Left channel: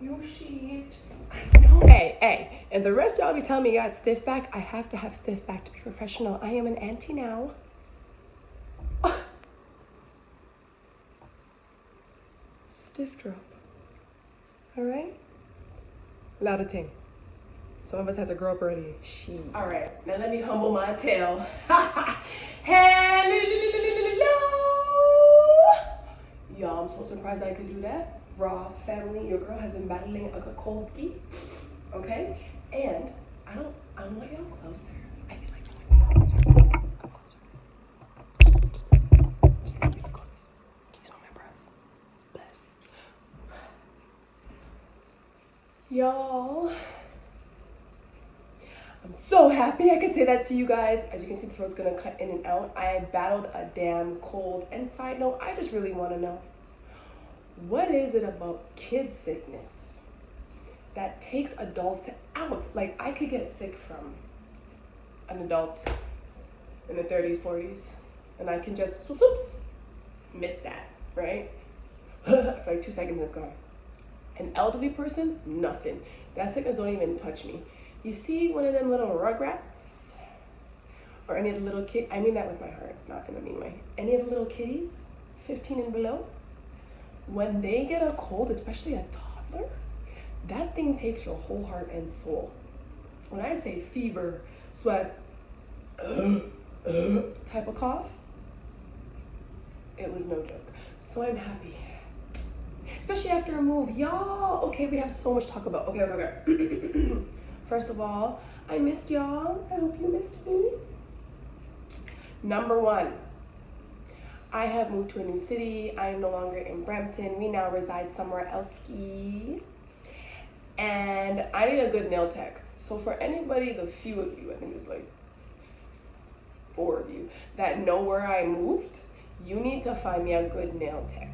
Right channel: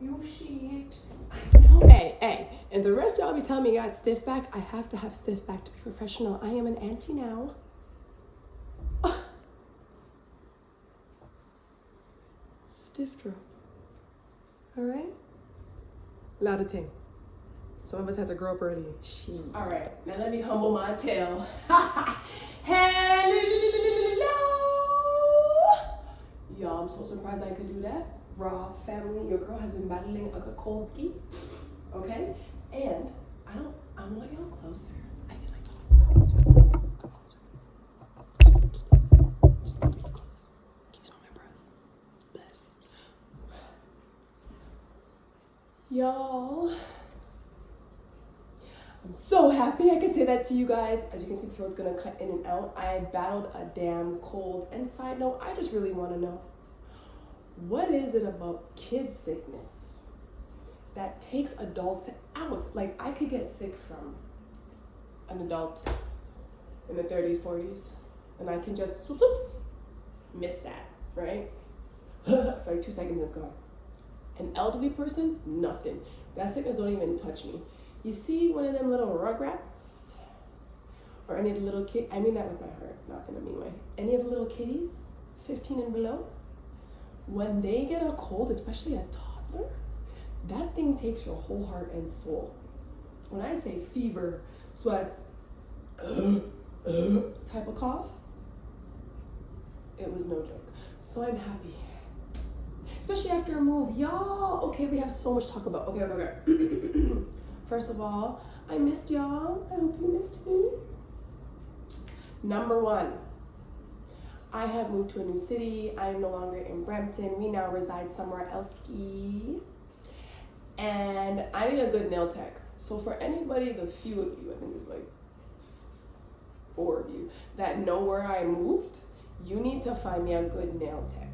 You shit. I know. Hey, and the rest of y'all be telling me you got stiff back. I have to have stiff back to be professional. I am an auntie now. Stiff drop. All right? Lot of thing. Some of us had to grow up early. She. All right, now let me humble my tail. Hello. Y'all, I'm so surprised I could do that. Raw family, your girl has been battling a cold ski. Okay? And I want y'all closer. I feel like y'all want me closer. Come closer. Just leave me close. Can you smell my breath? Bless. Y'all, I'm so happy I could say that to you guys. As you can see, the throat's gonna cut in and out. I battled a damn cold. And side note, I just really wanna know, what is it about kid sickness that takes adults out? Like, I could get sick from an adult in the 30s, 40s, and I can just miss that, right? For like 2 seconds, it's gone. An elderly person, nothing. That sickness don't even touch me. You see one of them little rugrats? Or any of the little kids, I mean that with my heart, not in a mean way. Any of the little kitties, 15 and below, when they get a cold, especially a toddler, that thing takes your whole heart and soul. When I say fever, sweats, type of cough, it was no joke. So I'm happy. Especially after a move, y'all. Okay, we have so much to talk about. Okay. First of all, I missed y'all. I hope you missed me. Number one, I have moved to a new city. I am no longer in Brampton. We now reside somewhere else. And I need a good nail tech. So for anybody, the few of you, I think there's like 4 of you, that know where I moved, you need to find me a good nail tech.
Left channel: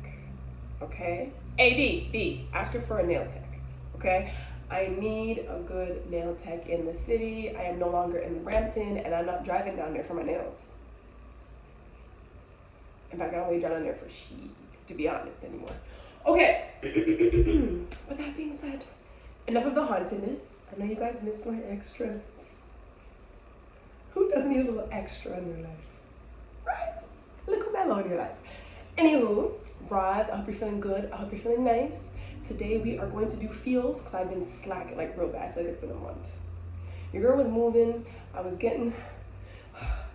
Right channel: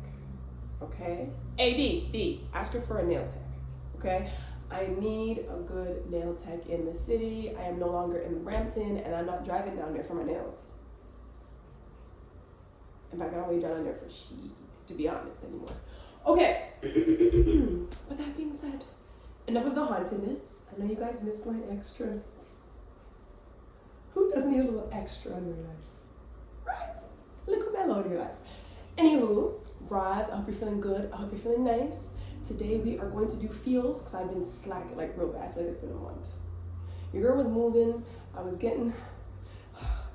Okay? B, ask her for a nail tech. Okay? I need a good nail tech in the city. I am no longer in Brampton, and I'm not driving down there for my nails. In fact, I don't really drive down there for to be honest, anymore. Okay. With that being said, enough of the hauntedness. I know you guys missed my extras. Who doesn't need a little extra in their life? Right? A little mellow in your life. Anywho, Roz, I hope you're feeling good. I hope you're feeling nice. Today we are going to do feels because I've been slacking like real bad. I feel like it's been a month. Your girl was moving. I was getting,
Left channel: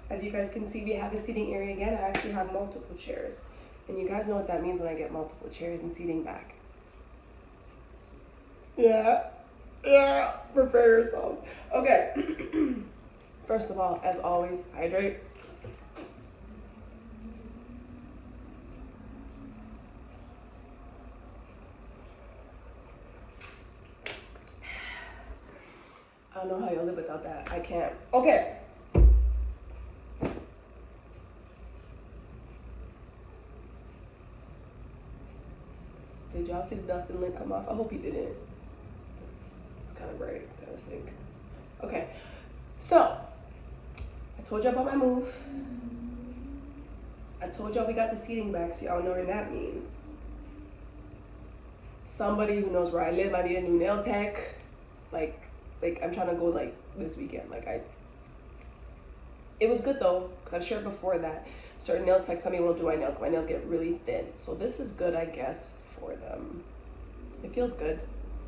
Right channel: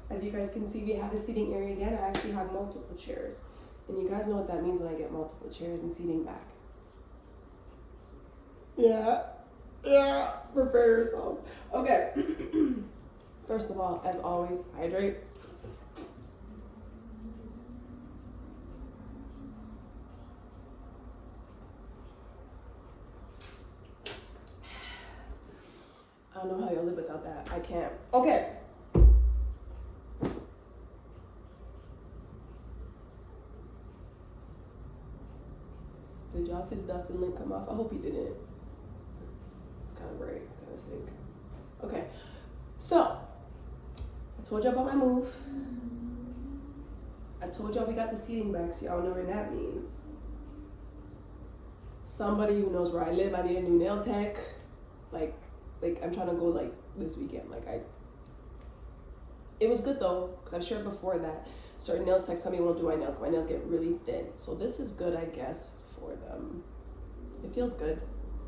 as you guys can see, we have a seating area again. I actually have multiple chairs. And you guys know what that means when I get multiple chairs and seating back. Yeah, prepare yourselves. Okay. First of all, as always, hydrate. I don't know how you'll live without that. I can't. Okay. Did y'all see the Dustin link come off? I hope you didn't. It's kind of bright. It's kind of sick. Okay. So, I told y'all about my move. I told y'all we got the seating back, so y'all know what that means. Somebody who knows where I live, I need a new nail tech. Like I'm trying to go like this weekend. It was good though, because I've shared before that certain nail techs tell me I won't do my nails because my nails get really thin. So this is good, I guess, for them. It feels good.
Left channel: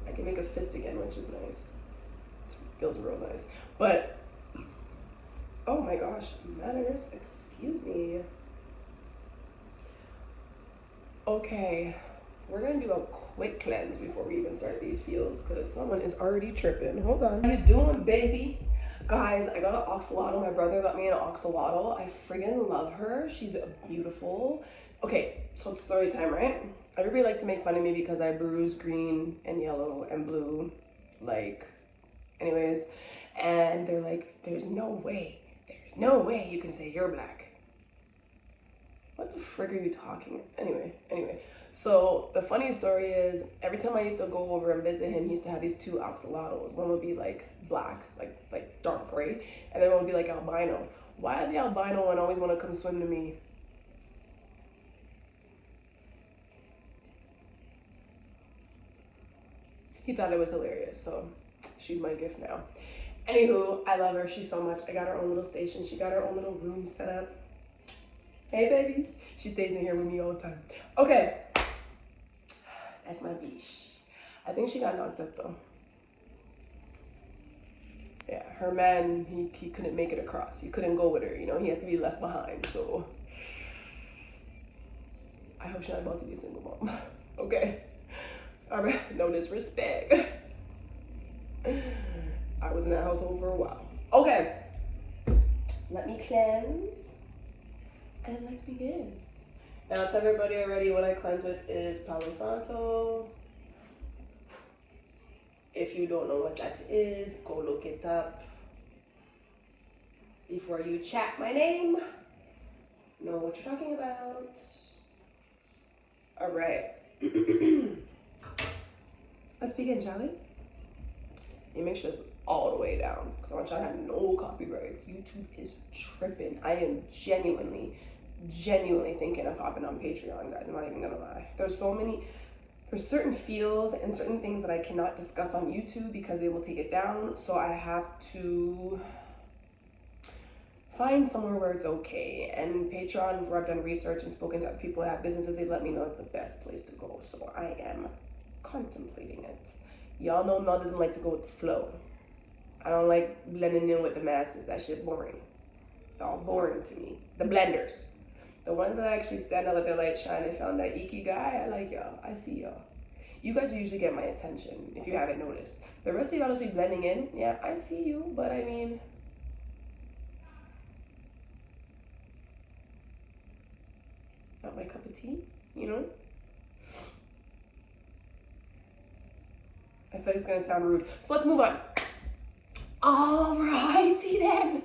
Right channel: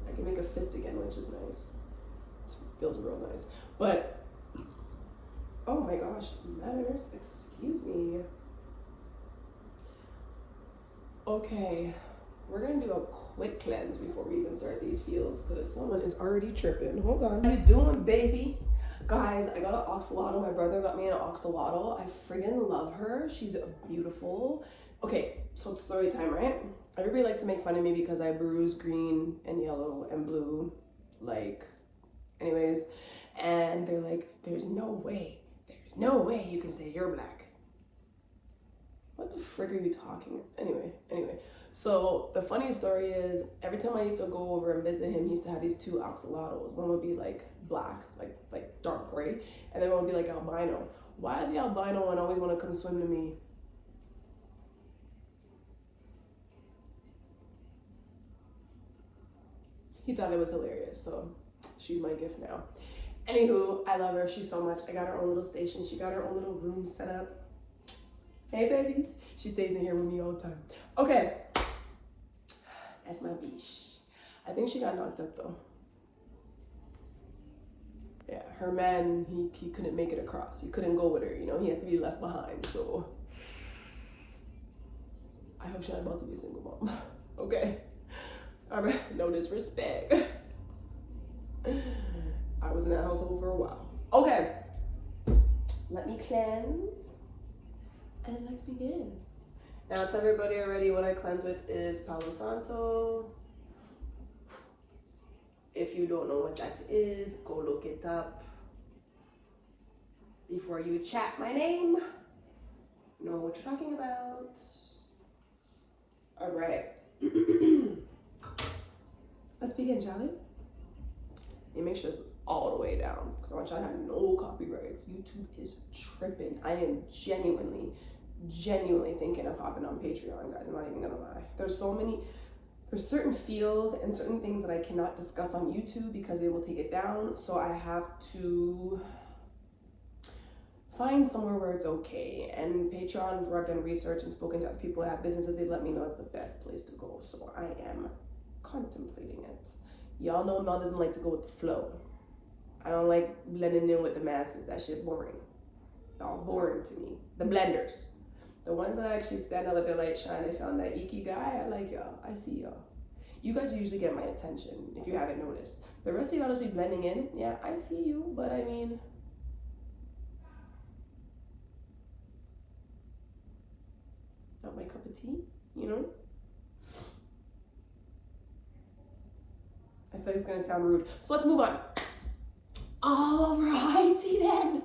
I can make a fist again, which is nice. It feels real nice. But, oh my gosh, manners, excuse me. Okay, we're gonna do a quick cleanse before we even start these feels because someone is already tripping. Hold on. How you doing, baby? Guys, I got an oxalotl. My brother got me an oxalotl. I friggin' love her. She's beautiful. Okay, so it's story time, right? Everybody likes to make fun of me because I bruise green and yellow and blue. Anyways. And they're like, there's no way you can say you're black. What the frig are you talking? Anyway. So the funny story is, every time I used to go over and visit him, he used to have these 2 oxalotls. One would be like black, like dark gray, and then one would be like albino. Why the albino one always want to come swim to me? he thought it was hilarious, so she's my gift now. Anywho, I love her. She's so much. I got her own little station. She got her own little room set up. Hey, baby. She stays in here with me all the time. Okay. That's my biche. I think she got knocked up, though. Yeah, her man, he couldn't make it across. He couldn't go with her, you know. He had to be left behind, so I hope she's not about to be a single mom. Okay. All right. No disrespect. I was in that household for a while. Okay. Let me cleanse. And let's begin. Now, it's everybody already what I cleanse with is Palo Santo. If you don't know what that is, go look it up. Before you chat my name, know what you're talking about. All right. Let's begin, shall we? You make sure it's all the way down, because I want y'all to have no copyrights. YouTube is tripping. I am genuinely thinking of hopping on Patreon, guys. I'm not even gonna lie. There's certain feels and certain things that I cannot discuss on YouTube because they will take it down. So I have to find somewhere where it's okay. And Patreon, where I've done research and spoken to other people that have businesses, they let me know it's the best place to go. So I am contemplating it. Y'all know Mel doesn't like to go with the flow. I don't like blending in with the masses. That shit boring. Y'all boring to me. The blenders. The ones that actually stand out, let their light shine. I found that ikigai. I like y'all. I see y'all. You guys usually get my attention if you haven't noticed. The rest of y'all just be blending in. Yeah, I see you, but I mean, not my cup of tea, you know? I feel like it's gonna sound rude. So let's move on. Alrighty then.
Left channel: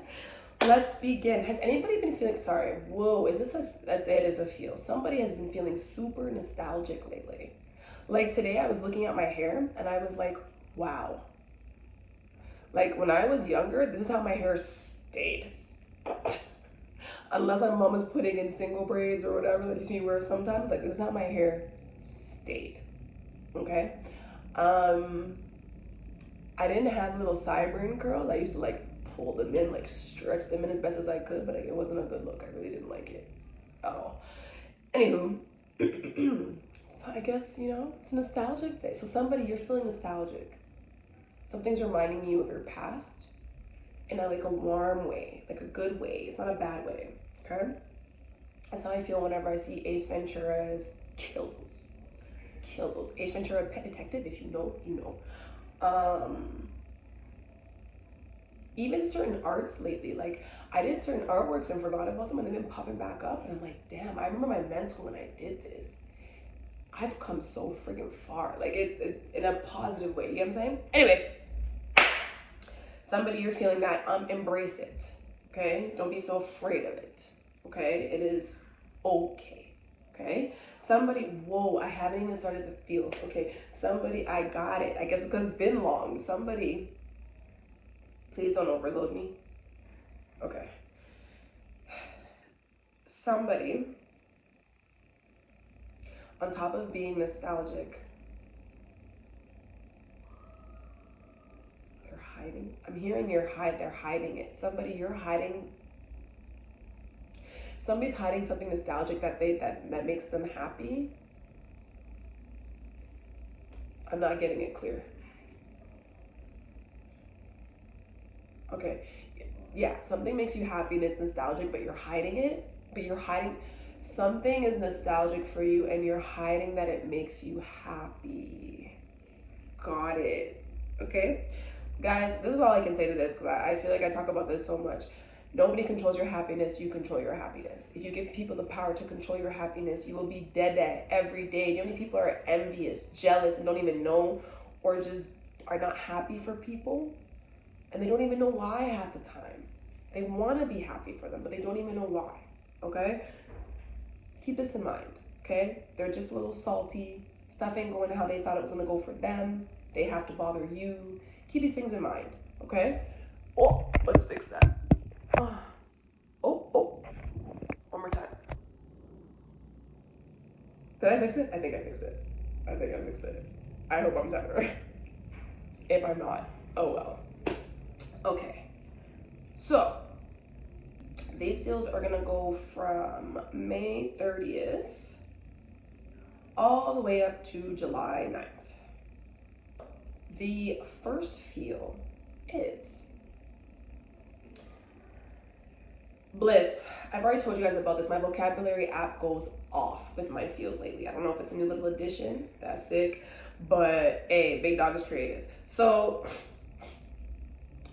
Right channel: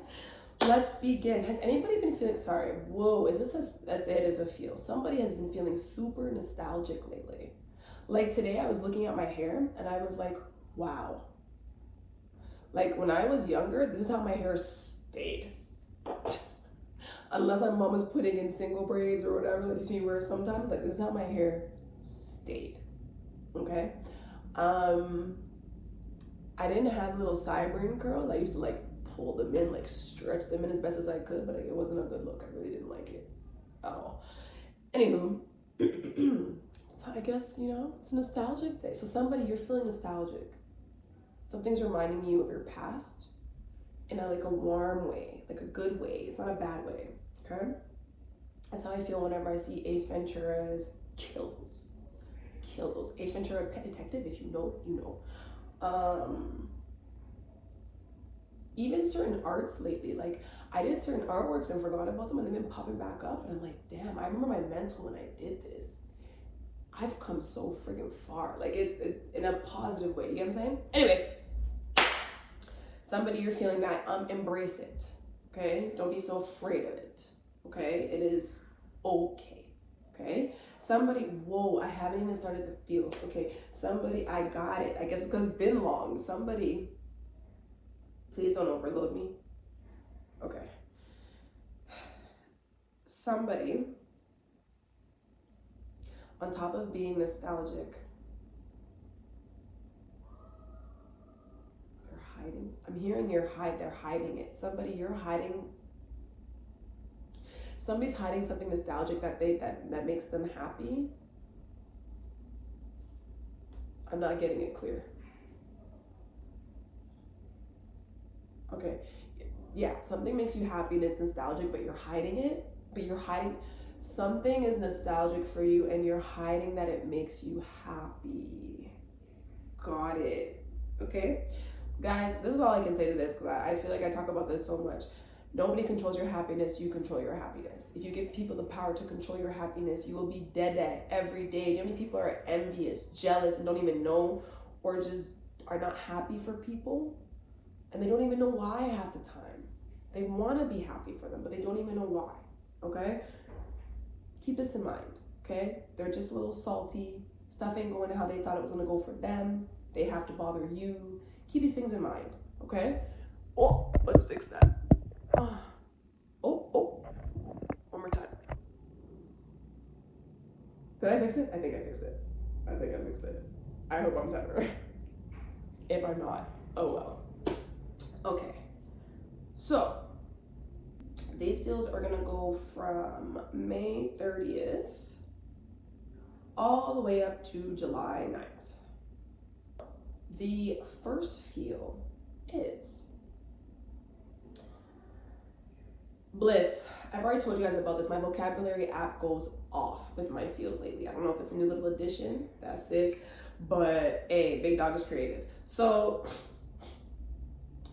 Let's begin. Has anybody been feeling, sorry, whoa, is this that's it as a feel. Somebody has been feeling super nostalgic lately. Like today I was looking at my hair and I was like, wow. Like when I was younger, this is how my hair stayed. Unless my mom was putting in single braids or whatever that you see me wear sometimes, like this is how my hair stayed, okay? I didn't have little sideburn curls. I used to like pull them in, like stretch them in as best as I could, but it wasn't a good look. I really didn't like it at all. Anywho, so I guess, you know, it's a nostalgic day. So somebody, you're feeling nostalgic. Something's reminding you of your past in a like a warm way, like a good way. It's not a bad way, okay? That's how I feel whenever I see Ace Ventura's kills. Ace Ventura, Pet Detective, if you know, you know. Even certain arts lately, like I did certain artworks and forgot about them and they've been popping back up and I'm like, damn, I remember my mental when I did this. I've come so freaking far. Like it's in a positive way, you know what I'm saying? Anyway, somebody you're feeling that, embrace it, okay? Don't be so afraid of it, okay? It is okay, okay? Somebody, whoa, I haven't even started the feels, okay? Somebody, I got it. I guess because it's been long. Somebody, please don't overload me. Okay. Somebody, on top of being nostalgic, they're hiding. I'm hearing they're hiding it. Somebody, you're hiding. Somebody's hiding something nostalgic that makes them happy. I'm not getting it clear. Okay, yeah, something makes you happy and it's nostalgic, but you're hiding it. Something is nostalgic for you and you're hiding that it makes you happy. Got it, okay? Guys, this is all I can say to this because I feel like I talk about this so much. Nobody controls your happiness, you control your happiness. If you give people the power to control your happiness, you will be dead every day. Do you know how many people are envious, jealous, and don't even know, or just are not happy for people? And they don't even know why half the time. They want to be happy for them, but they don't even know why, okay? Keep this in mind, okay? They're just a little salty. Stuff ain't going how they thought it was gonna go for them. They have to bother you. Keep these things in mind, okay? Oh, let's fix that. Oh, one more time. Did I fix it? I think I fixed it. I hope I'm sounding right. If I'm not, oh well. Okay, so these feels are gonna go from May 30th all the way up to July 9th. The first feel is bliss. I've already told you guys about this. My vocabulary app goes off with my feels lately. I don't know if it's a new little addition. That's sick. But hey, big dog is creative. So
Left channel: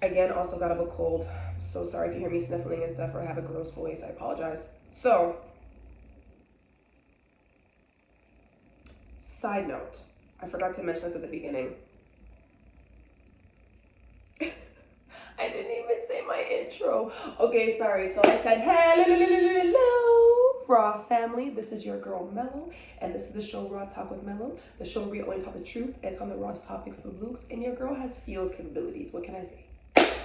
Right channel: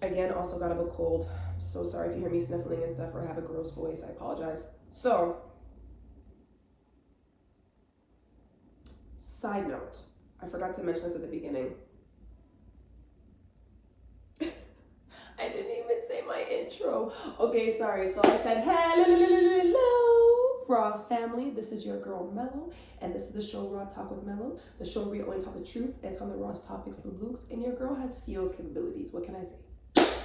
again, also got over a cold. So sorry if you hear me sniffling and stuff or have a gross voice. I apologize. So, side note, I forgot to mention this at the beginning. I didn't even say my intro. Okay, sorry. So I said, hello, Raw family. This is your girl Melo, and this is the show Raw Talk with Melo, the show where we only talk the truth. It's on the rawest topics of the Blukes, and your girl has feels capabilities. What can I say?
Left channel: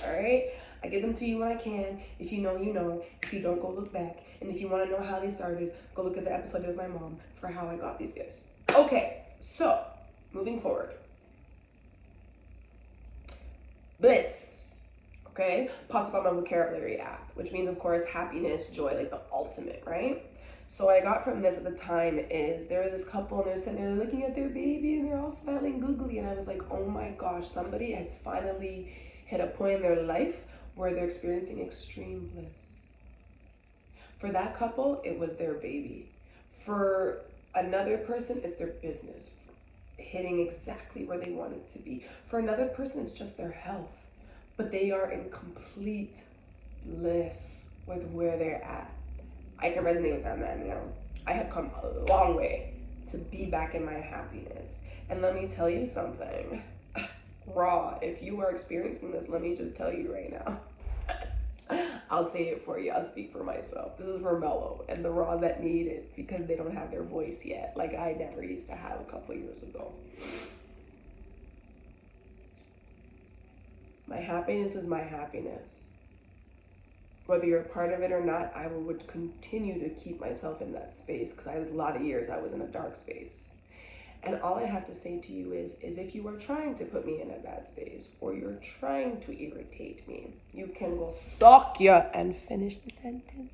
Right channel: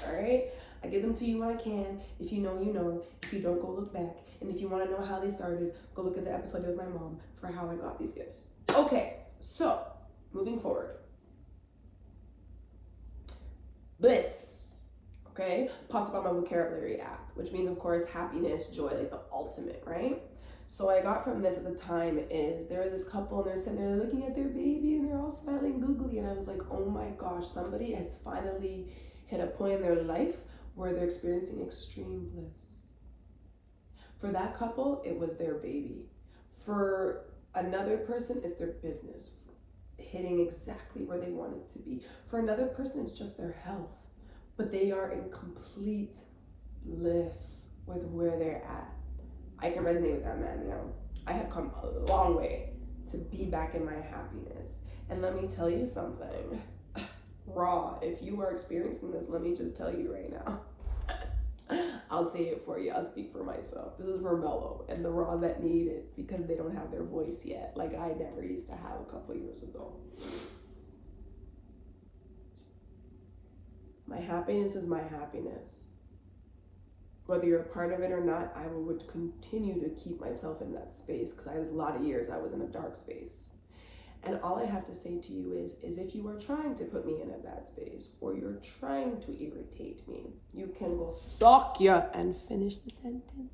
All right, I give them to you when I can. If you know, you know. If you don't, go look back. And if you want to know how they started, go look at the episode with my mom for how I got these gifts. Okay, so moving forward. Bliss. Okay, pops up on my vocabulary app, which means, of course, happiness, joy, like the ultimate, right? So what I got from this at the time is there was this couple and they're sitting there looking at their baby and they're all smiling googly, and I was like, oh my gosh, somebody has finally hit a point in their life where they're experiencing extreme bliss. For that couple, it was their baby. For another person, it's their business hitting exactly where they want it to be. For another person, it's just their health. But they are in complete bliss with where they're at. I can resonate with that, man. You know, I have come a long way to be back in my happiness. And let me tell you something. Raw, if you are experiencing this, let me just tell you right now. I'll say it for you. I'll speak for myself. This is for Melo and the raw that need it because they don't have their voice yet, like I never used to have a couple years ago. My happiness is my happiness. Whether you're a part of it or not, I would continue to keep myself in that space because I was a lot of years I was in a dark space. And all I have to say to you is if you are trying to put me in a bad space or you're trying to irritate me, you can go suck ya and finish the sentence.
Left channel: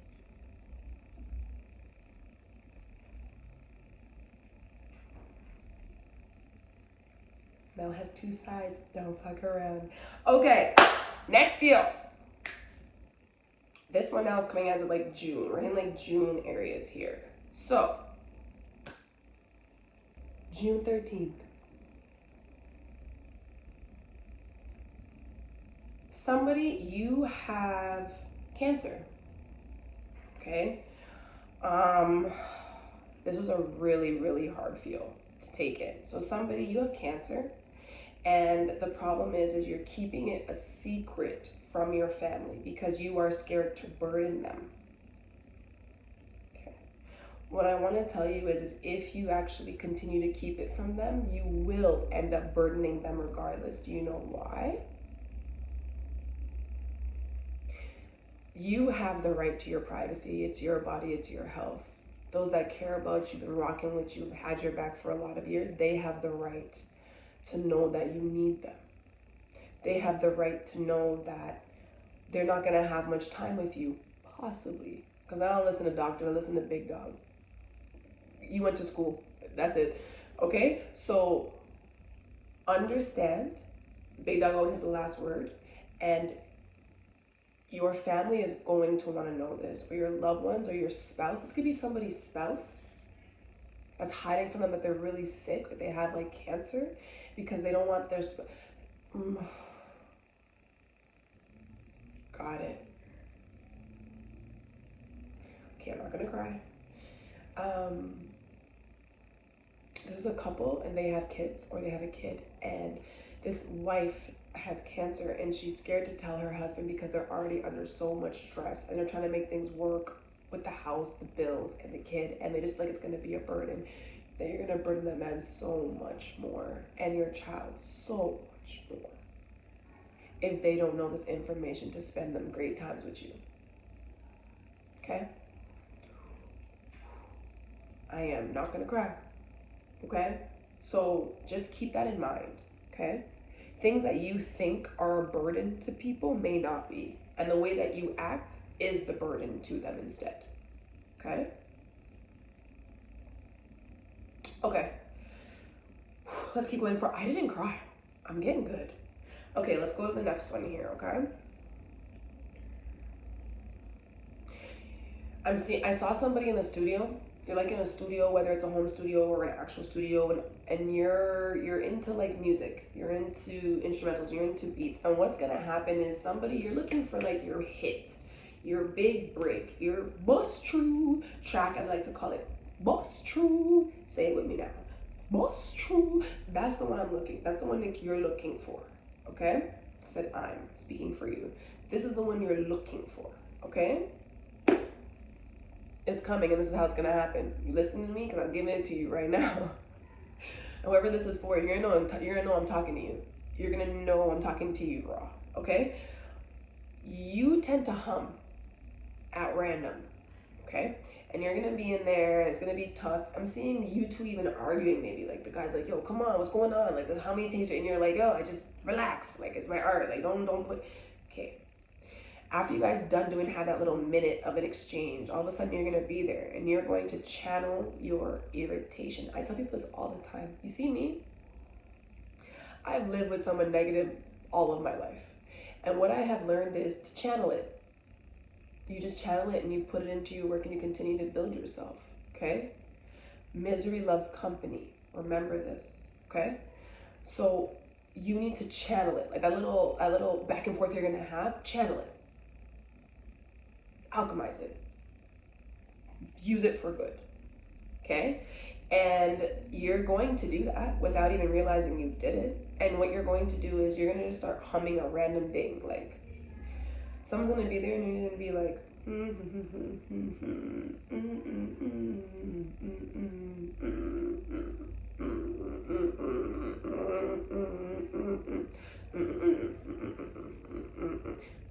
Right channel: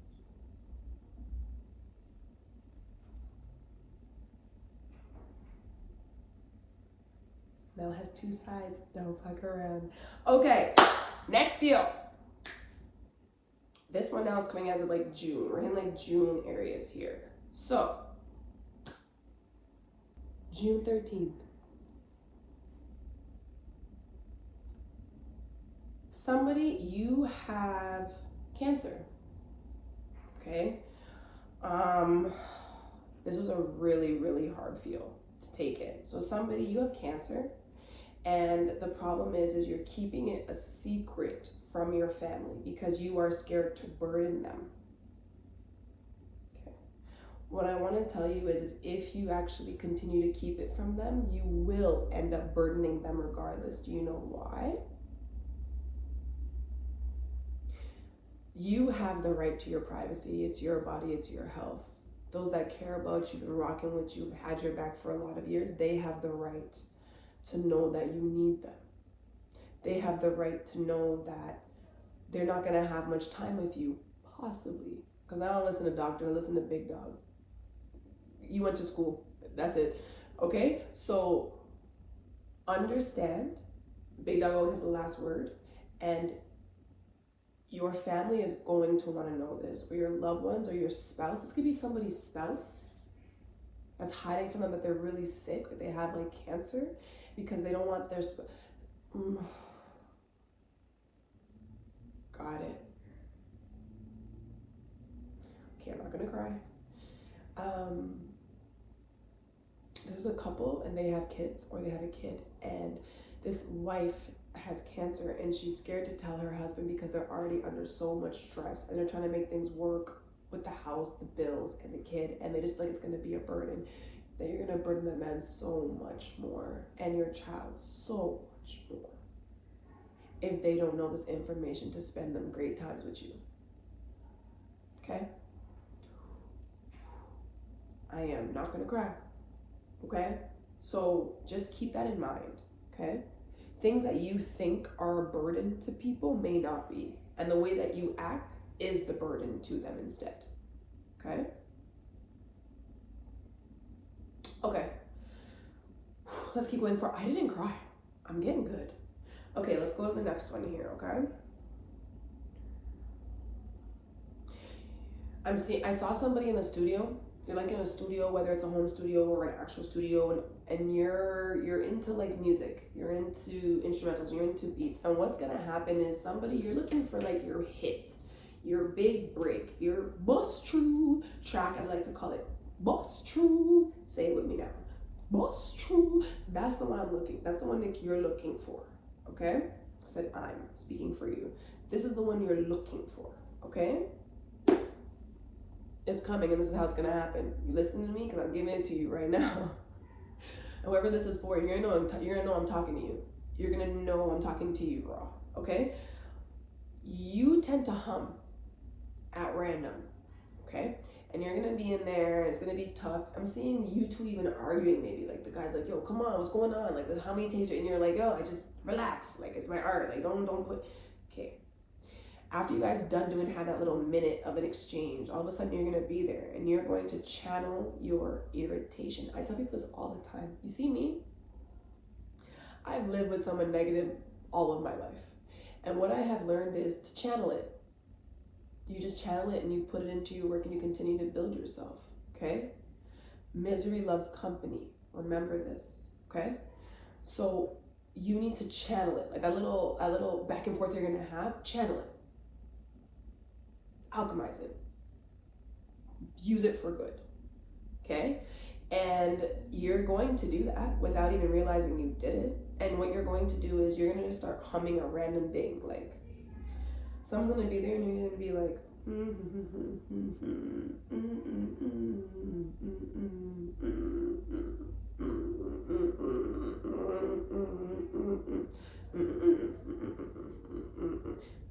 Mel has two sides, don't fuck around. Okay, next feel. This one now is coming as of like June. We're in like June areas here. So, June 13th. Somebody, you have cancer, okay? This was a really, really hard feel to take it. So somebody, you have cancer, and the problem is you're keeping it a secret from your family because you are scared to burden them. Okay. What I want to tell you is if you actually continue to keep it from them, you will end up burdening them regardless. Do you know why? You have the right to your privacy. It's your body, it's your health. Those that care about you, been rocking with you, had your back for a lot of years, they have the right to know that you need them. They have the right to know that they're not gonna have much time with you, possibly. Because I don't listen to doctors, I listen to big dog. You went to school, that's it. Okay, so understand, big dog always has the last word, and your family is going to want to know this, or your loved ones, or your spouse. This could be somebody's spouse that's hiding from them that they're really sick, that they have like cancer, because they don't want their Got it. Okay, I'm not gonna cry. This is a couple and they have kids, or they have a kid, and this wife has cancer and she's scared to tell her husband because they're already under so much stress and they're trying to make things work with the house, the bills, and the kid, and they just feel like it's going to be a burden. That you're going to burden the man so much more and your child so much more if they don't know this information to spend them great times with you. Okay? I am not going to cry. Okay? So just keep that in mind. Okay? things that you think are a burden to people may not be. And the way that you act is the burden to them instead. Okay? Okay. Let's keep going for, I didn't cry. I'm getting good. Okay, let's go to the next one here, okay? I saw somebody in the studio. You're like in a studio, whether it's a home studio or an actual studio, and you're into like music, you're into instrumentals, you're into beats. And what's gonna happen is you're looking for like your hit, your big break, your bust true track, as I like to call it. Bust true. Say it with me now. Bust true. That's the one that's the one that you're looking for. Okay? I said I'm speaking for you. This is the one you're looking for. Okay? It's coming, and this is how it's gonna happen. You listening to me? Because I'm giving it to you right now. Whoever this is for, you're gonna know I'm talking to you. You're gonna know I'm talking to you, raw. Okay? You tend to hum at random. Okay? And you're gonna be in there, and it's gonna be tough. I'm seeing you two even arguing, maybe. Like the guy's like, yo, come on, what's going on? Like, how many takes are, and you're like, yo, I just relax. Like, it's my art. Like, don't put. Okay. After you guys have that little minute of an exchange, all of a sudden you're gonna be there and you're going to channel your irritation. I tell people this all the time. You see me? I've lived with someone negative all of my life. And what I have learned is to channel it. You just channel it and you put it into your work and you continue to build yourself, okay? Misery loves company. Remember this, okay? So you need to channel it. Like that little back and forth you're gonna have, channel it. Alchemize it. Use it for good, okay? And you're going to do that without even realizing you did it. And what you're going to do is you're gonna just start humming a random ding. Like someone's gonna be there and you're gonna be like,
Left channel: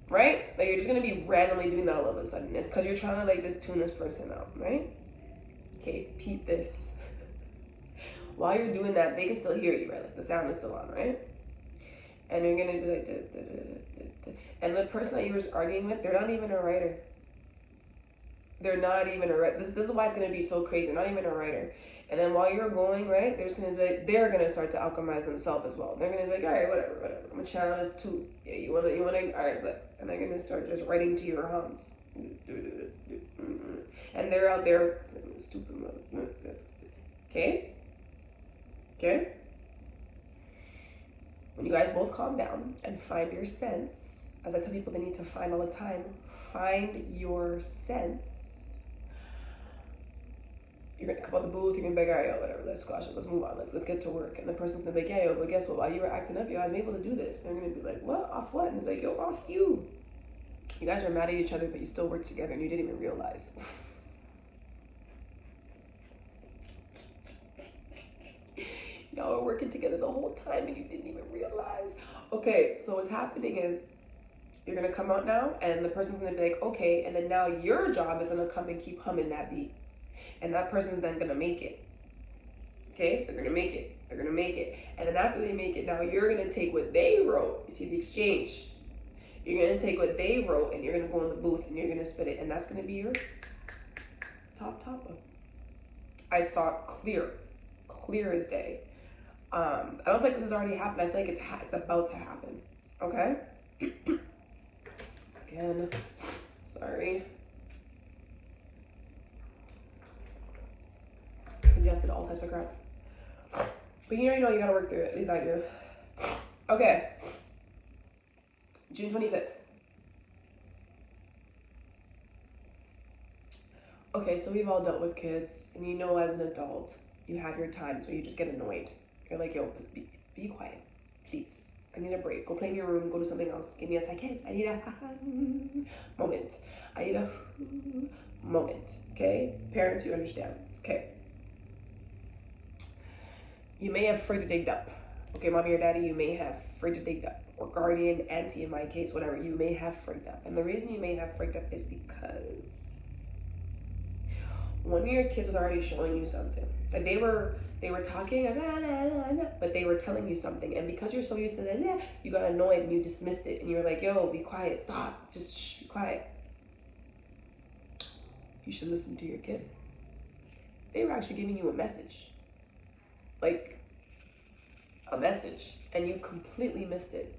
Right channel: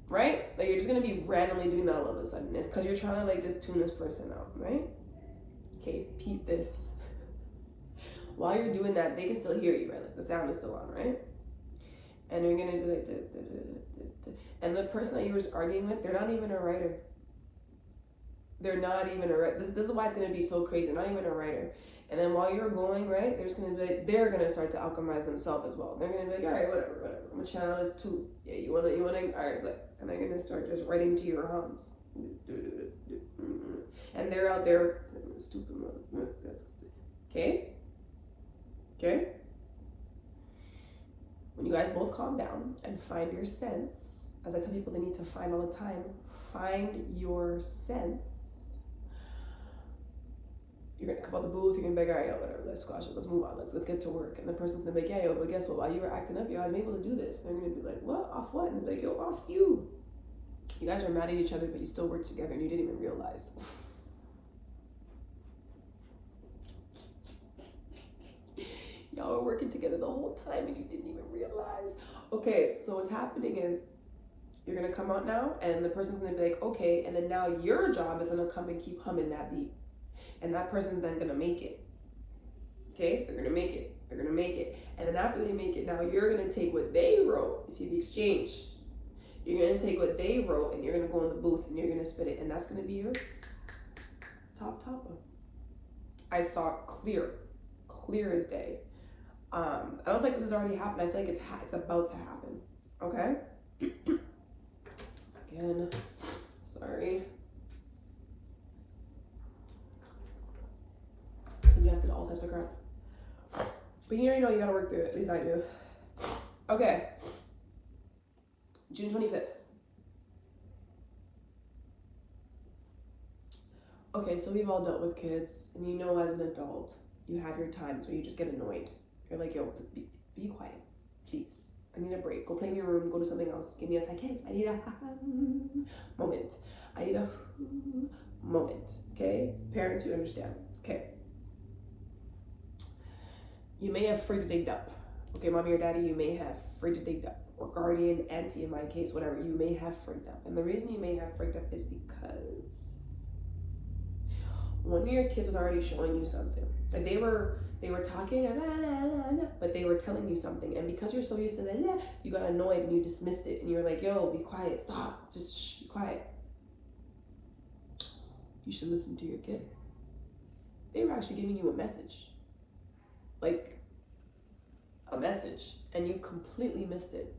right? Like you're just gonna be randomly doing that all of a sudden. It's because you're trying to like just tune this person out, right? Okay, repeat this. While you're doing that, they can still hear you, right? Like the sound is still on, right? And you're gonna be like, da, da, da, da, da. And the person that you were arguing with, they're not even a writer. They're not even a writer. This is why it's gonna be so crazy. They're not even a writer. And then while you're going, right, they're gonna start to alchemize themselves as well. They're gonna be like, all right, whatever. I'm gonna channel this too. Yeah, you wanna, all right, and they're gonna start just writing to your hums. And they're out there, stupid mother. Okay? Okay? When you guys both calm down and find your sense, as I tell people they need to find all the time, find your sense. You're gonna come out the booth, you're gonna be like, all right, yo, whatever, let's squash it, let's move on, let's get to work. And the person's gonna be like, yeah, yo, but guess what, while you were acting up, you guys were able to do this. And they're gonna be like, what, off what? And they're like, yo, off you. You guys are mad at each other, but you still work together and you didn't even realize. Y'all were working together the whole time and you didn't even realize. Okay, so what's happening is you're gonna come out now and the person's gonna be like, okay, and then now your job is gonna come and keep humming that beat. And that person's then gonna make it. Okay, they're gonna make it, they're gonna make it. And then after they make it, now you're gonna take what they wrote. You see the exchange? You're gonna take what they wrote and you're gonna go in the booth and you're gonna spit it. And that's gonna be your top topper. I saw it clear as day. I don't think this has already happened. I think it's about to happen. Okay? Again, sorry. Ingested all types of crap. But you already know you gotta work through it. At least I do. Okay. June 25th. Okay, so we've all dealt with kids, and you know as an adult, you have your times where you just get annoyed. You're like, yo, be quiet, please. I need a break. Go play in your room, go do something else. Give me a second. I need a moment. I need a moment, okay? Parents, you understand, okay? You may have freaked up. Okay, mommy or daddy, you may have freaked up. Or guardian, auntie in my case, whatever, you may have freaked up. And the reason you may have freaked up is because one of your kids was already showing you something. Like they were They were talking, but they were telling you something. And because you're so used to that, you got annoyed and you dismissed it. And you're like, yo, be quiet, stop, just shh, be quiet. You should listen to your kid. They were actually giving you a message. Like, a message. And you completely missed it.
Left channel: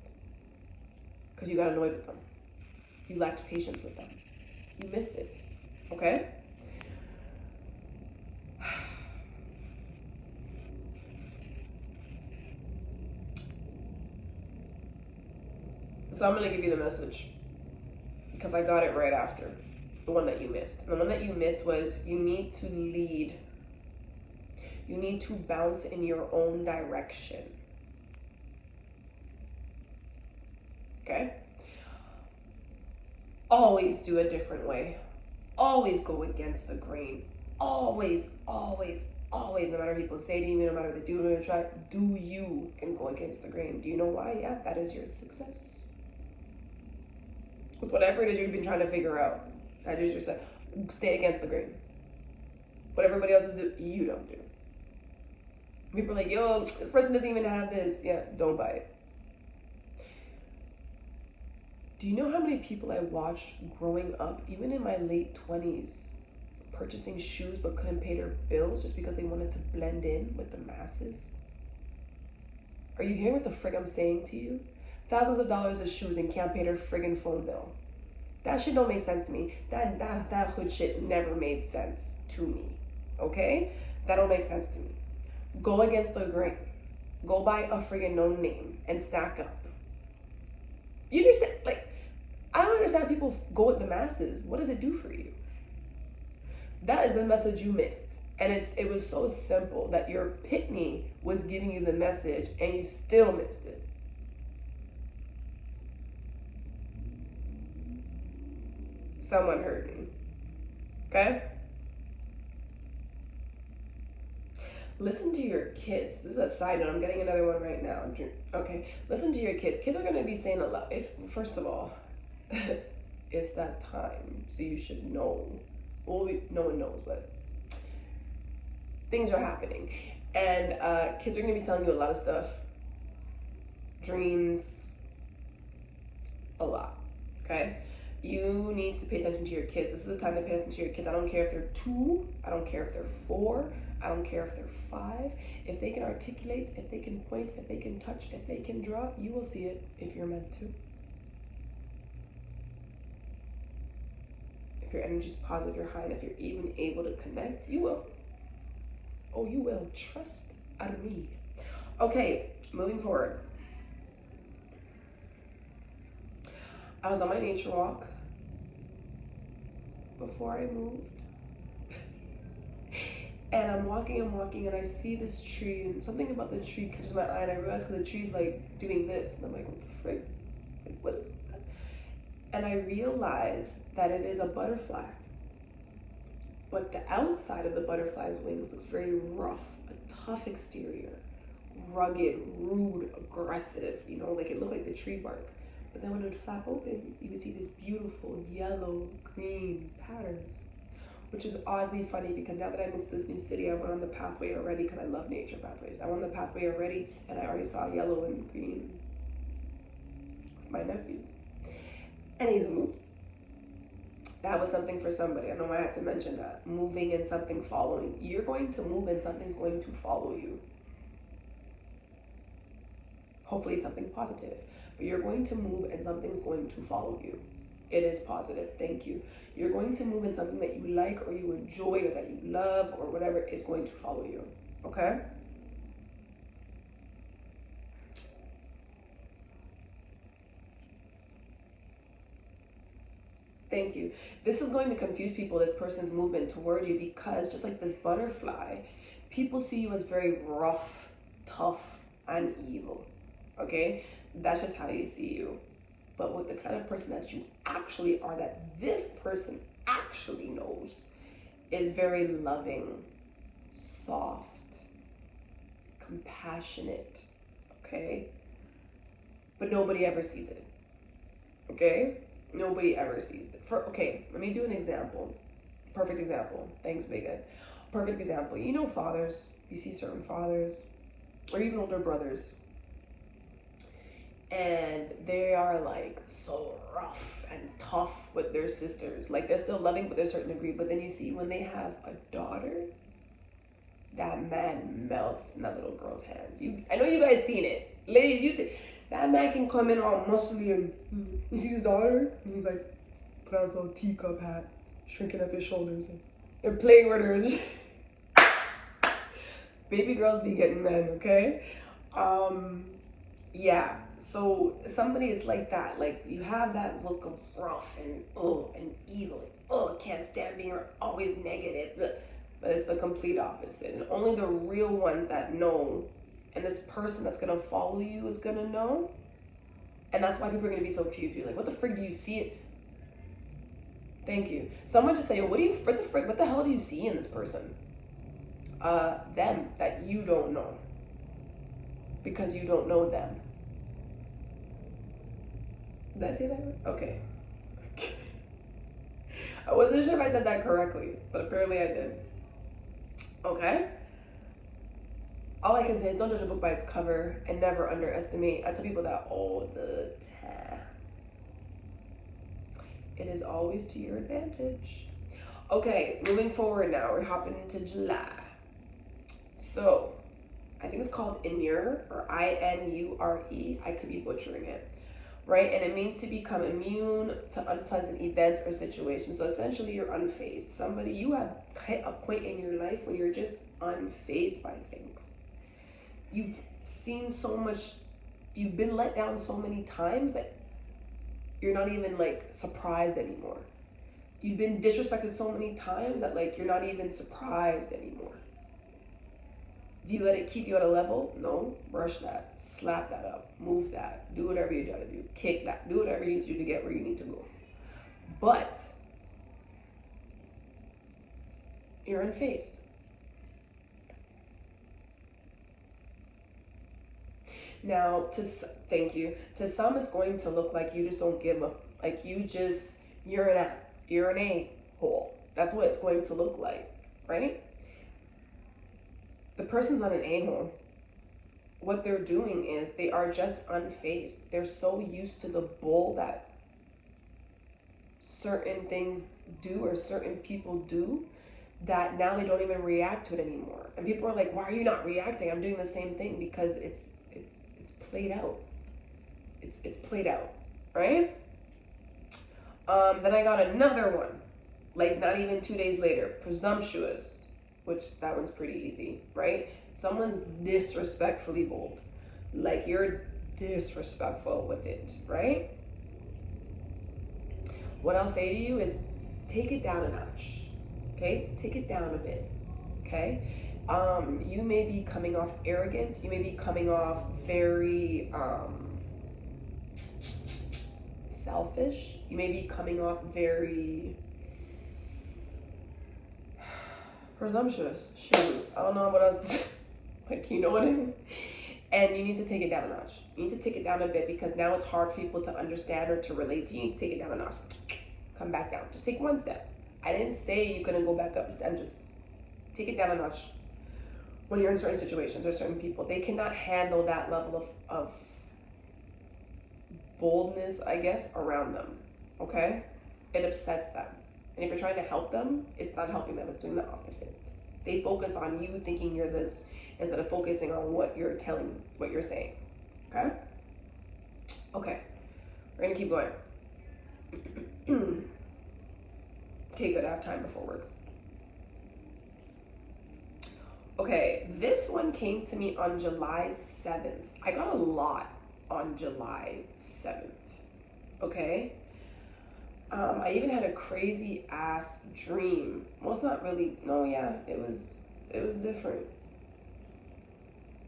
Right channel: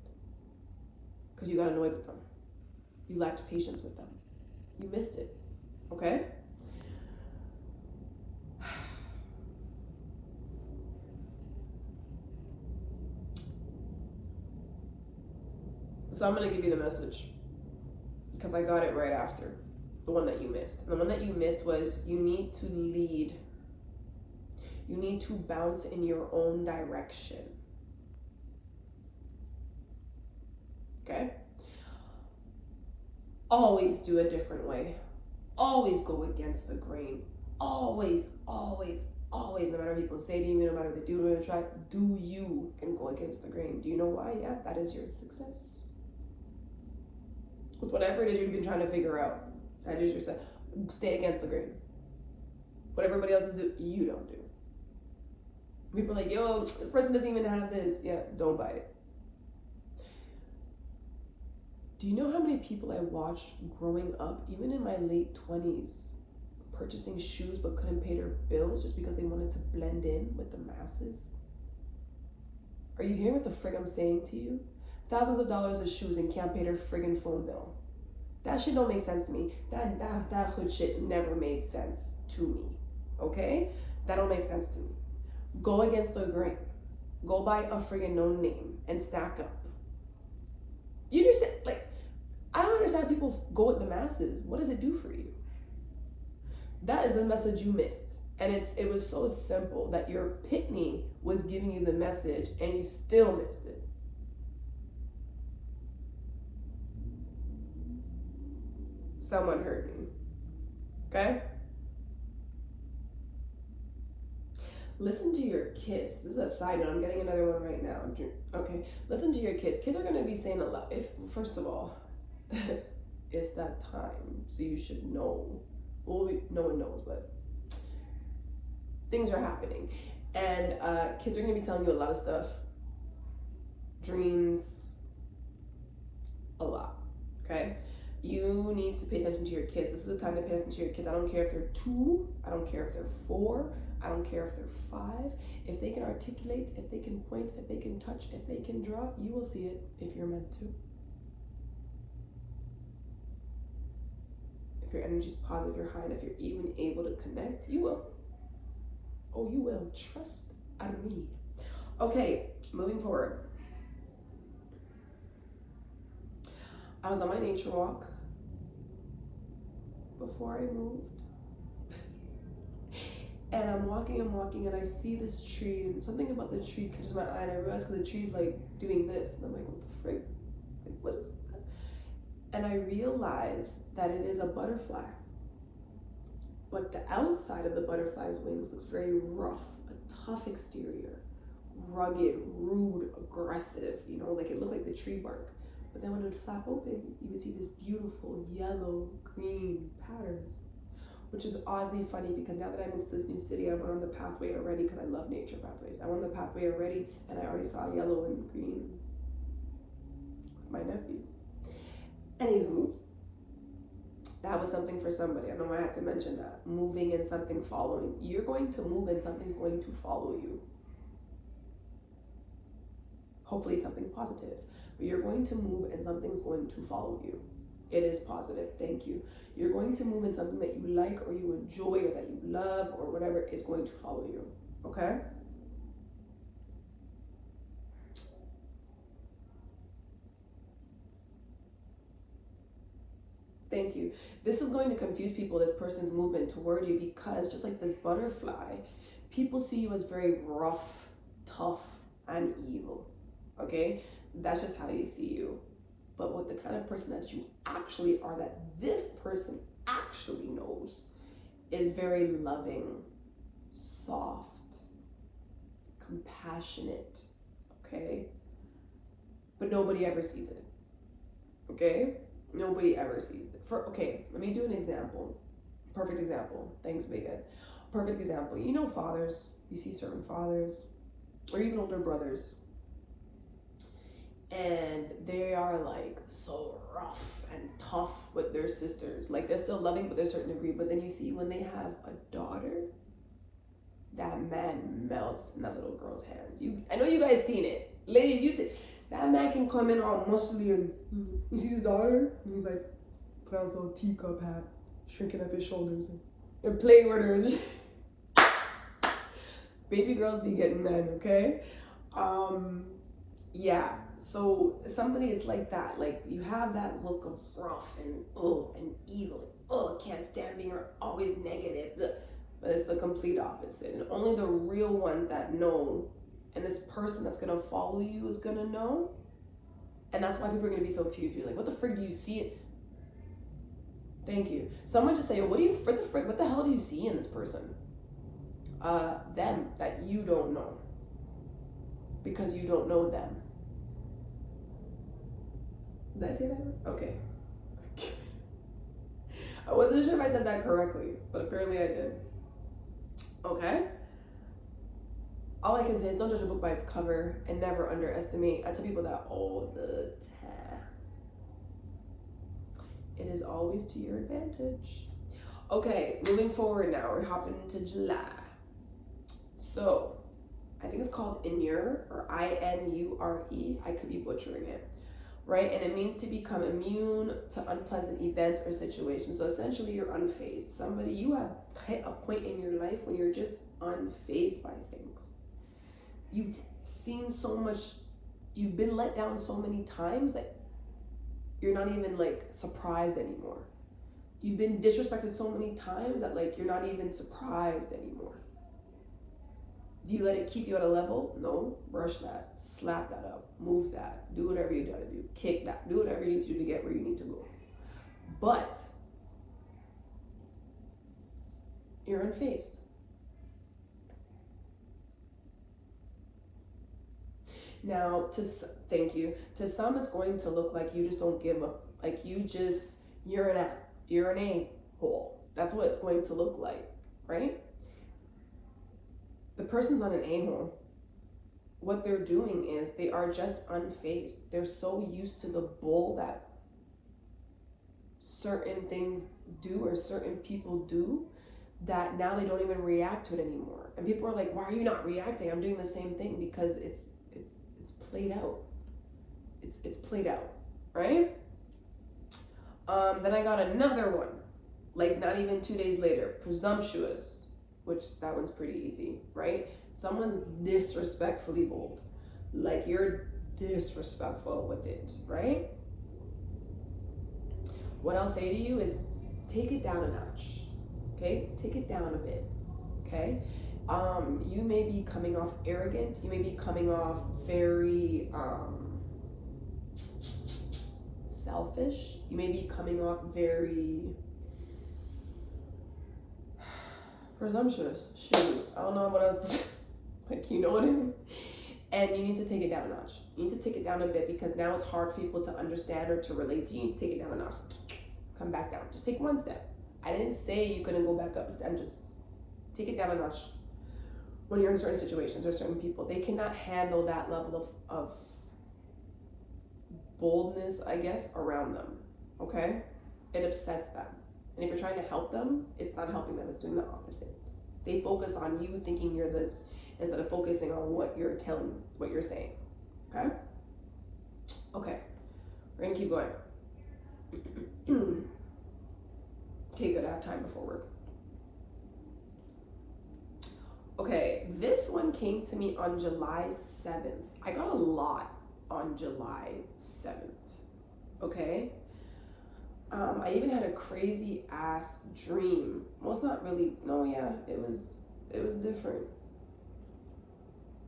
Because you got annoyed with them. You lacked patience with them. You missed it. Okay? So I'm going to give you the message because I got it right after the one that you missed. And the one that you missed was you need to lead. You need to bounce in your own direction. Okay? Always do a different way. Always go against the grain. Always, always, always, no matter what people say to you, no matter what they do, no matter what they try, do you and go against the grain. Do you know why? Yeah, that is your success. With whatever it is you've been trying to figure out, that is your success. Stay against the grain. What everybody else do, you don't do. People are like, yo, this person doesn't even have this. Yeah, don't buy it. Do you know how many people I watched growing up, even in my late 20s, purchasing shoes but couldn't pay their bills just because they wanted to blend in with the masses? Are you hearing what the frig I'm saying to you? Thousands of dollars of shoes and can't pay their friggin' phone bill. That shit don't make sense to me. That hood shit never made sense to me, okay? That don't make sense to me. Go against the grain. Go buy a friggin' no name and stack up. You understand? Like, I don't understand people go with the masses. What does it do for you? That is the message you missed. And it was so simple that your pitney was giving you the message and you still missed it. Someone heard me, okay? Listen to your kids. This is a side note. I'm getting another one right now. Okay, listen to your kids. Kids are going to be saying a lot. First of all, it's that time, so you should know. Well, no one knows, but things are happening. And kids are going to be telling you a lot of stuff. Dreams, a lot, okay? You need to pay attention to your kids. This is the time to pay attention to your kids. I don't care if they're 2, I don't care if they're 4, I don't care if they're 5. If they can articulate, if they can point, if they can touch, if they can draw, you will see it if you're meant to. If your energy is positive, you're high, and if you're even able to connect, you will. Oh, you will. Trust out of me. Okay, moving forward. I was on my nature walk before I moved. And I'm walking, and I see this tree, and something about the tree catches my eye, and I realize because the tree's like doing this, and I'm like, what the frick? Like, what is that? And I realize that it is a butterfly. But the outside of the butterfly's wings looks very rough, a tough exterior, rugged, rude, aggressive, you know, like it looked like the tree bark. But then when it would flap open, you would see this beautiful yellow, green patterns, which is oddly funny because now that I moved to this new city, I went on the pathway already because I love nature pathways. I went on the pathway already and I already saw yellow and green with my nephews. Anywho, that was something for somebody. I know I had to mention that. Moving and something following. You're going to move and something's going to follow you. Hopefully something positive. But you're going to move and something's going to follow you. It is positive, thank you. You're going to move in something that you like or you enjoy or that you love or whatever is going to follow you, okay? Thank you. This is going to confuse people, this person's movement toward you, because just like this butterfly, people see you as very rough, tough, and evil, okay? That's just how you see you. But what the kind of person that you actually are, that this person actually knows, is very loving, soft, compassionate, okay? But nobody ever sees it, okay? Nobody ever sees it. Okay, let me do an example. Perfect example. Thanks, Big Ed. perfect example, you know, fathers, you see certain fathers or even older brothers, and they are like so rough and tough with their sisters. Like they're still loving, but to a certain degree. But then you see when they have a daughter, that man melts in that little girl's hands. I know you guys seen it, ladies. You see that man can come in all muscly and he sees his daughter and he's like, put on his little teacup hat, shrinking up his shoulders and playing with her. Baby girls be getting men, okay? Yeah. So somebody is like that. Like you have that look of rough and evil. Can't stand being always negative. But it's the complete opposite. And only the real ones that know, and this person that's gonna follow you is gonna know. And that's why people are gonna be so confused. You're like, what the frick do you see it? Thank you. Someone just say, yo, what the hell do you see in this person? Them that you don't know. Because you don't know them. Did I say that right? Okay. I wasn't sure if I said that correctly, but apparently I did. Okay? All I can say is don't judge a book by its cover and never underestimate. I tell people that all the time. It is always to your advantage. Okay, moving forward now. We're hopping into July. So, I think it's called Inure or I-N-U-R-E. I could be butchering it. Right? And it means to become immune to unpleasant events or situations. So essentially you're unfazed. Somebody, you have hit a point in your life when you're just unfazed by things. You've seen so much, you've been let down so many times that you're not even like surprised anymore. You've been disrespected so many times that like you're not even surprised anymore. Do you let it keep you at a level? No. Brush that. Slap that up. Move that. Do whatever you gotta do. Kick that. Do whatever you need to do to get where you need to go. But you're unfazed. Now, thank you. To some, it's going to look like you just don't give up. Like you're an a-hole. That's what it's going to look like, right? The person's not an a-hole. What they're doing is they are just unfazed. They're so used to the bull that certain things do or certain people do that now they don't even react to it anymore. And people are like, why are you not reacting? I'm doing the same thing because it's played out. It's played out, right? Then I got another one, like not even 2 days later, presumptuous. Which that one's pretty easy, right? Someone's disrespectfully bold. Like you're disrespectful with it, right? What I'll say to you is take it down a notch, okay? Take it down a bit, okay? You may be coming off arrogant. You may be coming off very selfish. You may be coming off very presumptuous. Shoot, I don't know what else. Like, you know what I mean? And you need to take it down a notch. You need to take it down a bit because now it's hard for people to understand or to relate to you. You need to take it down a notch. Come back down. Just take one step. I didn't say you couldn't go back up. Just take it down a notch. When you're in certain situations or certain people, they cannot handle that level of boldness, I guess, around them. Okay? It upsets them. And if you're trying to help them, it's not helping them, it's doing the opposite. They focus on you thinking you're this instead of focusing on what you're telling, what you're saying. Okay? Okay. We're gonna keep going. Okay, good, I have time before work. Okay, this one came to me on July 7th. I got a lot on July 7th. Okay? I even had a crazy ass dream. Well, it's not really, no, yeah, it was different.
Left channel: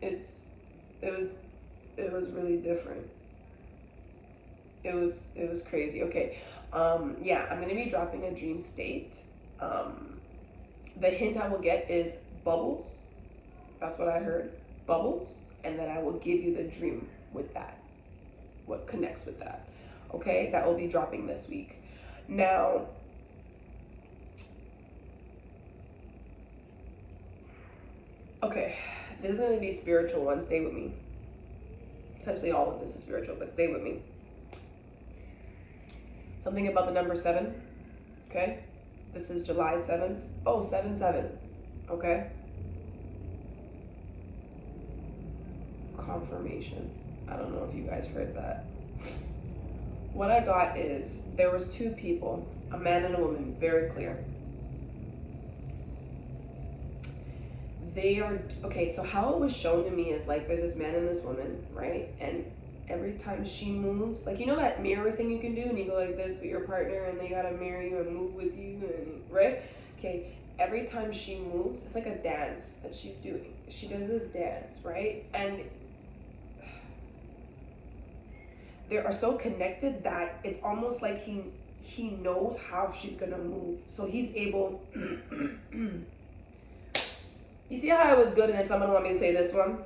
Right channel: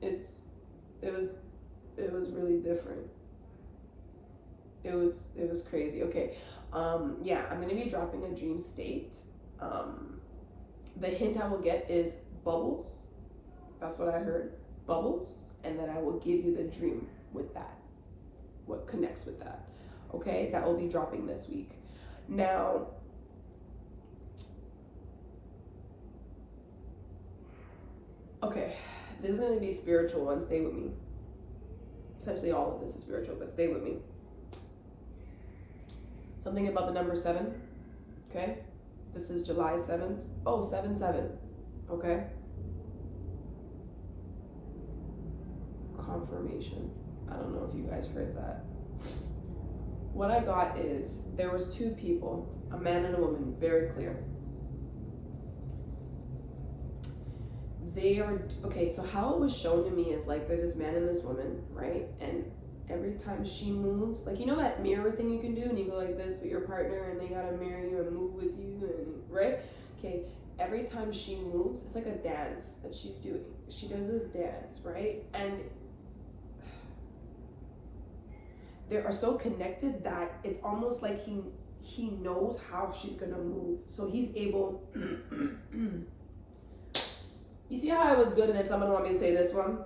It was really different. It was crazy. Okay. Yeah, I'm gonna be dropping a dream state. The hint I will get is bubbles. That's what I heard. Bubbles, and then I will give you the dream with that. What connects with that. Okay, that will be dropping this week. Now, Okay, this is going to be spiritual one. Stay with me. Essentially all of this is spiritual, but stay with me. Something about the number 7. Okay? This is July 7th. Oh, 7/7. Okay? Confirmation. I don't know if you guys heard that. What I got is there was 2 people, a man and a woman, very clear. They are, okay, so how it was shown to me is like there's this man and this woman, right? And every time she moves, like, you know that mirror thing you can do and you go like this with your partner and they gotta mirror you and move with you, and right? Okay, every time she moves, it's like a dance that she's doing. She does this dance, right? And they are so connected that it's almost like he knows how she's gonna move. So he's able You see how I was good and then someone want me to say this one?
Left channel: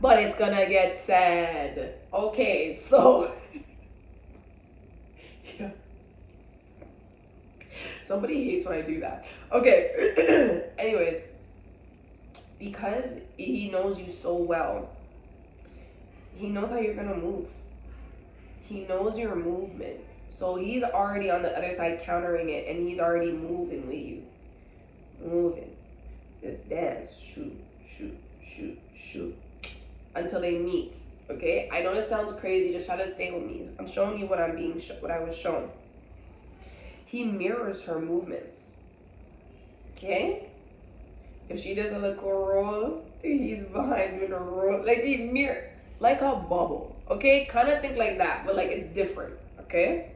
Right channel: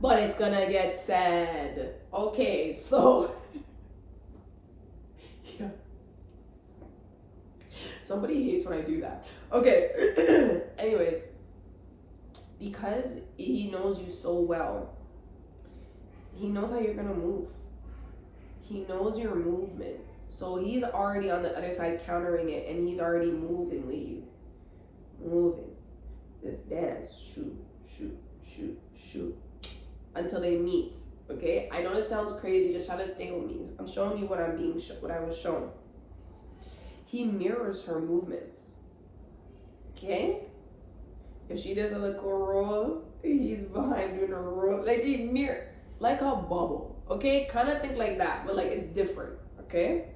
But it's gonna get said. Okay, so yeah. Somebody hates when I do that. Okay. Anyways, because he knows you so well, he knows how you're gonna move. He knows your movement. So he's already on the other side countering it, and he's already moving with you. Moving. This dance. Shoot, shoot, shoot, shoot. Until they meet. Okay? I know this sounds crazy. Just try to stay with me. I'm showing you what I'm being what I was shown. He mirrors her movements. Okay? If she does a little roll, he's behind doing a roll. Like he mirror, like a bubble. Okay? Kind of think like that, but like it's different. Okay?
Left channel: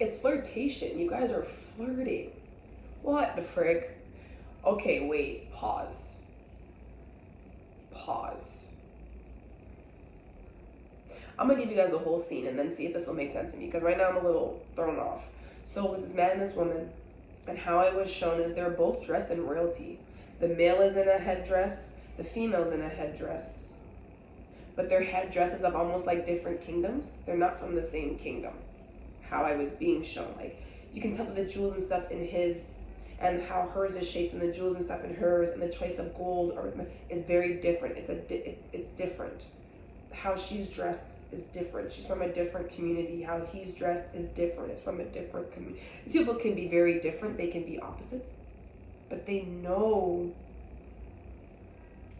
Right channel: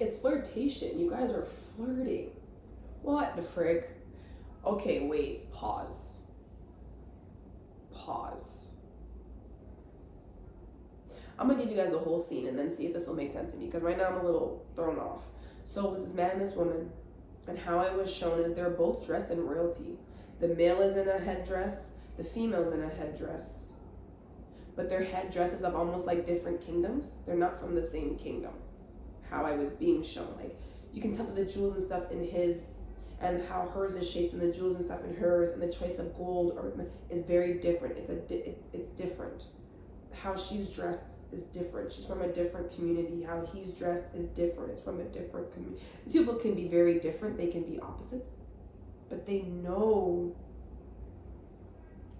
It's flirtation. You guys are flirting. What the frick? Okay, wait. Pause. Pause. I'm gonna give you guys the whole scene and then see if this will make sense to me, because right now I'm a little thrown off. So it was this man and this woman, and how it was shown is they're both dressed in royalty. The male is in a headdress, the female's in a headdress. But their headdresses of almost like different kingdoms. They're not from the same kingdom. How I was being shown, like you can tell that the jewels and stuff in his, and how hers is shaped, and the jewels and stuff in hers, and the choice of gold or is very different. It's different. How she's dressed is different. She's from a different community. How he's dressed is different. It's from a different community. These people can be very different. They can be opposites, but they know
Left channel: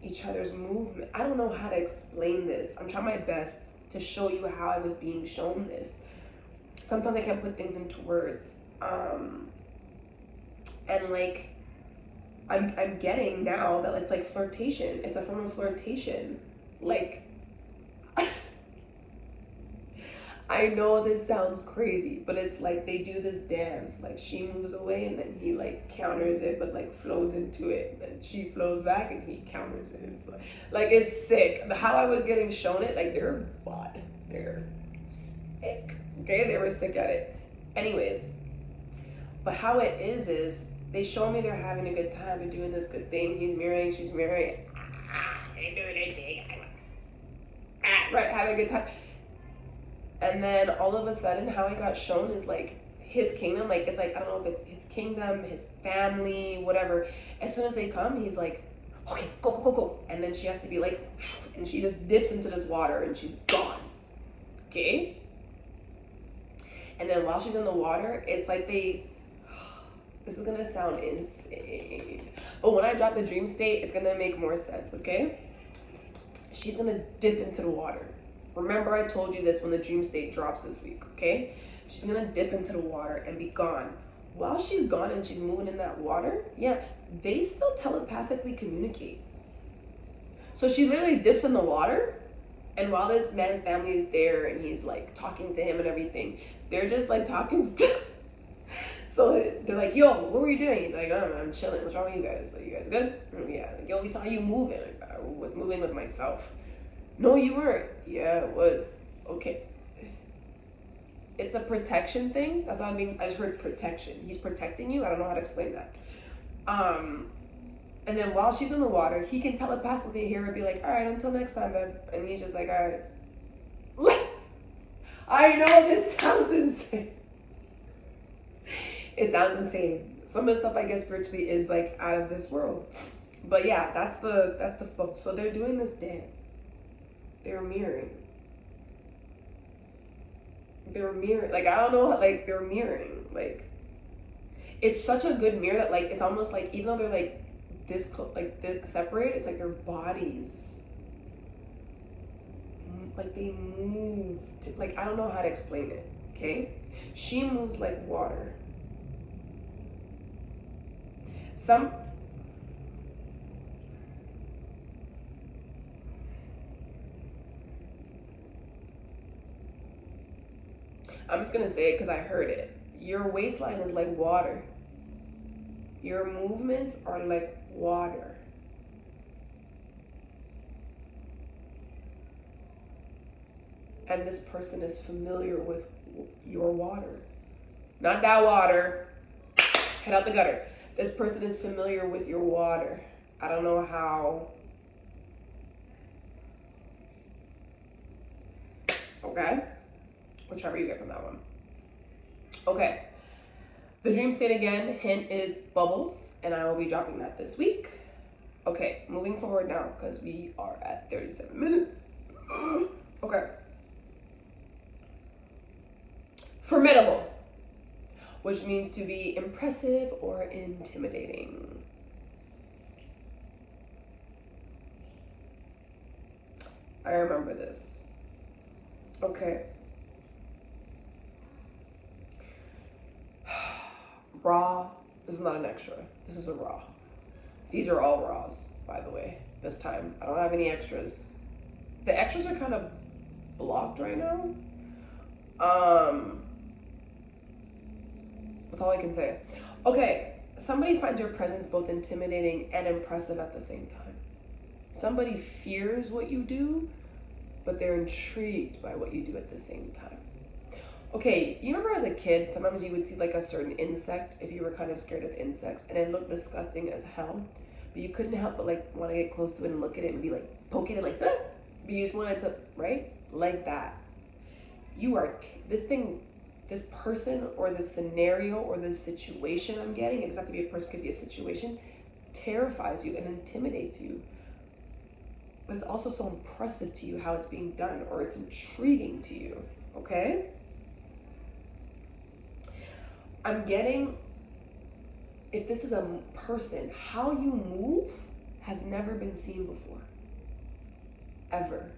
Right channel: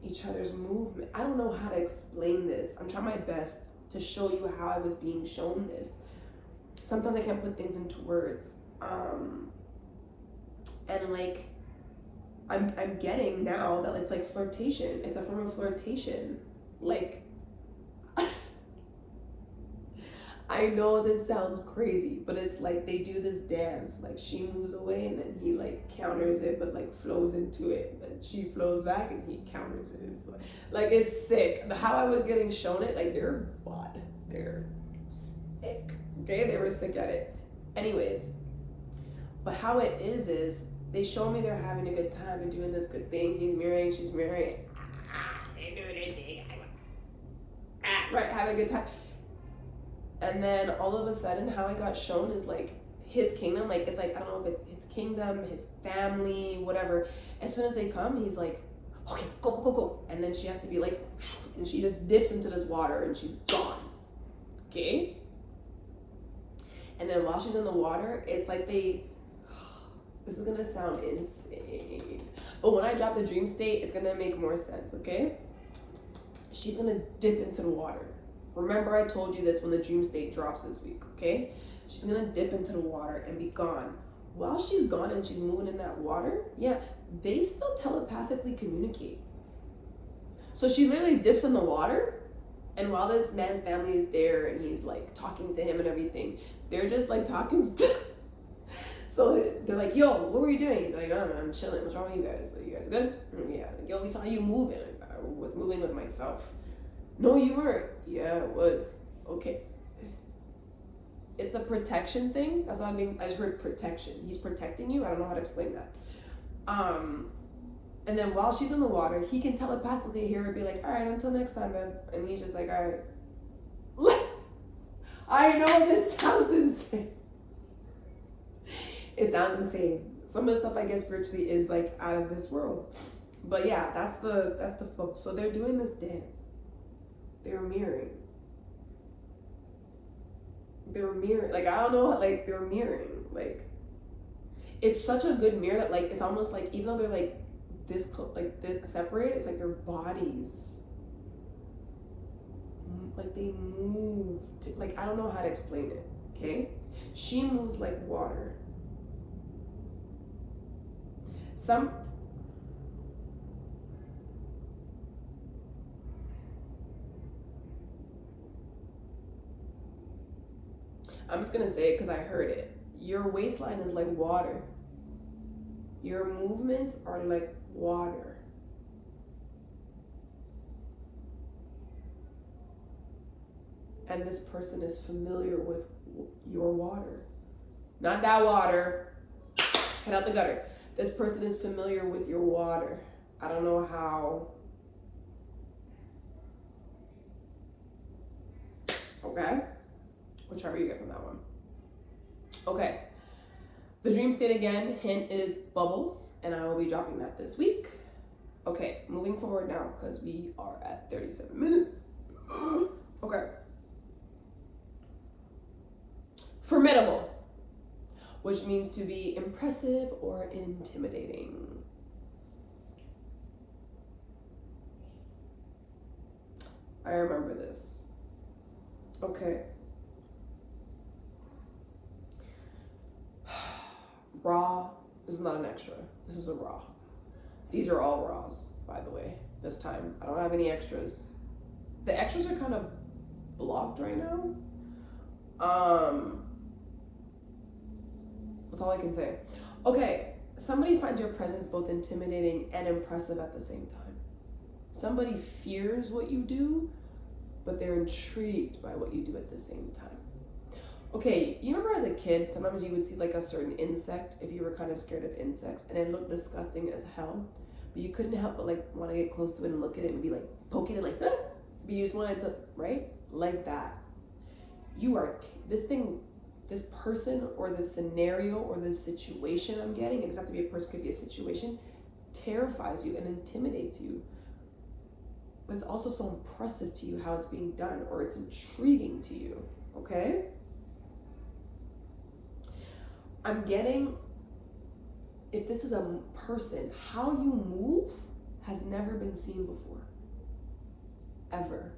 each other's movement. I don't know how to explain this. I'm trying my best to show you how I was being shown this. Sometimes I can't put things into words. And like, I'm getting now that it's like flirtation. It's a form of flirtation. Like, I know this sounds crazy, but it's like they do this dance. Like she moves away and then he like counters it, but like flows into it. And she flows back and he counters it. Like it's sick. How I was getting shown it, like they're sick. Okay, they were sick at it. Anyways, but how it is they show me they're having a good time. They're doing this good thing. He's mirroring, she's mirroring. They're doing their thing. Right, having a good time. And then all of a sudden, how it got shown is like his kingdom. Like it's like, I don't know if it's his kingdom, his family, whatever. As soon as they come, he's like, okay, go, go, go, go. And then she has to be like, and she just dips into this water and she's gone. Okay? And then while she's in the water, it's like this is gonna sound insane. But when I drop the dream state, it's gonna make more sense, okay? She's gonna dip into the water. Remember I told you this when the dream state drops this week, okay? She's gonna dip into the water and be gone. While she's gone and she's moving in that water, yeah, they still telepathically communicate. So she literally dips in the water, and while this man's family is there and he's like talking to him and everything, they're just like talking still. So they're like, yo, what were you doing? He's like, oh, I'm chilling. What's wrong with you guys? Like, you guys good? Yeah. Like, yo, we saw you moving. Like, I was moving with myself. No, you weren't. Yeah, it was. Okay. It's a protection thing. That's what I just heard protection. He's protecting you. I don't know how to explain that. And then while she's in the water, he can telepathically hear her be like, all right, until next time, babe. And he's just like, all right. I know this sounds insane. It sounds insane. Some of the stuff I guess spiritually is like out of this world. But yeah, that's the flow. So they're doing this dance. They're mirroring. Like, I don't know, like, they're mirroring. Like, it's such a good mirror that, like, it's almost like, even though they're like this separate, it's like their bodies, like, they move to, like, I don't know how to explain it. Okay, she moves like water. I'm just gonna say it because I heard it. Your waistline is like water. Your movements are like water. And this person is familiar with your water. Not that water. Head out the gutter. This person is familiar with your water. I don't know how. Okay? Whichever you get from that one. Okay. The dream state again, hint is bubbles, and I will be dropping that this week. Okay, moving forward now, because we are at 37 minutes. Okay. Formidable, which means to be impressive or intimidating. I remember this. Okay. Raw. This is not an extra. This is a raw. These are all raws, by the way, this time. I don't have any extras. The extras are kind of blocked right now. That's all I can say. Okay, somebody finds your presence both intimidating and impressive at the same time. Somebody fears what you do, but they're intrigued by what you do at the same time. Okay, you remember as a kid, sometimes you would see like a certain insect if you were kind of scared of insects, and it looked disgusting as hell, but you couldn't help but like want to get close to it and look at it and be like poking it like that, but you just wanted to, right? Like that. You are, this person or this scenario or this situation I'm getting, it doesn't have to be a person, could be a situation, terrifies you and intimidates you. But it's also so impressive to you how it's being done, or it's intriguing to you, okay? I'm getting, if this is a person, how you move has never been seen before, ever.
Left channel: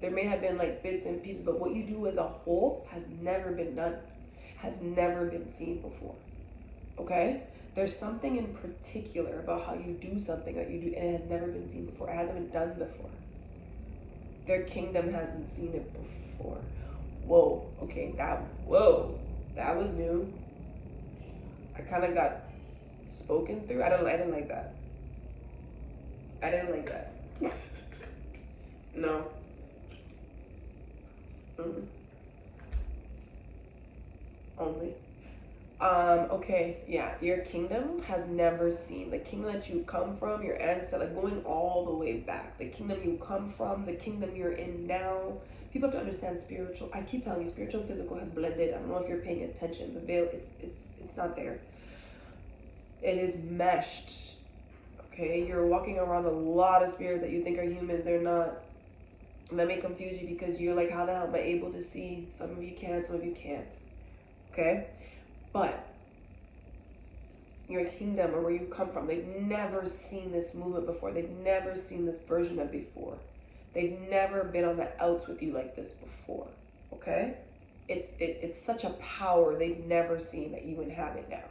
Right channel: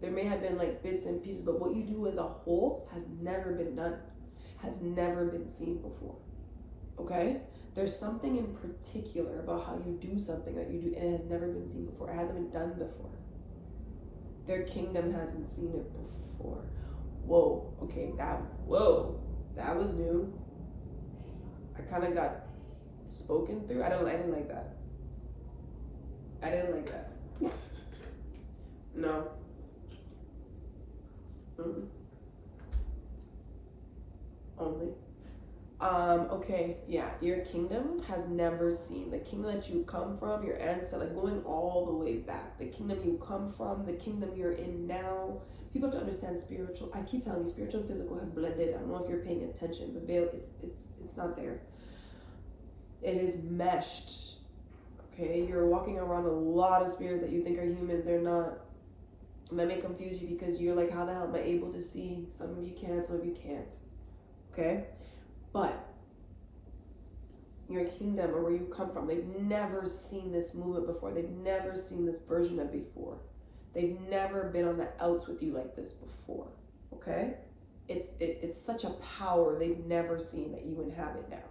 There may have been like bits and pieces, but what you do as a whole has never been done, has never been seen before, okay? There's something in particular about how you do something that you do, and it has never been seen before. It hasn't been done before. Their kingdom hasn't seen it before. Whoa, okay, that was new. I kind of got spoken through. I didn't like that. I didn't like that. No. Only. Okay, yeah, your kingdom has never seen, the kingdom that you come from, your ancestor, like going all the way back, the kingdom you come from, the kingdom you're in now. People have to understand spiritual, I keep telling you, spiritual and physical has blended. I don't know if you're paying attention. The veil, it's not there. It is meshed. Okay, you're walking around a lot of spirits that you think are humans. They're not. And that may confuse you because you're like, how the hell am I able to see? Some of you can, some of you can't. Okay? But your kingdom, or where you come from, they've never seen this movement before. They've never seen this version of before. They've never been on the outs with you like this before. Okay? It's such a power they've never seen that you inhabit now.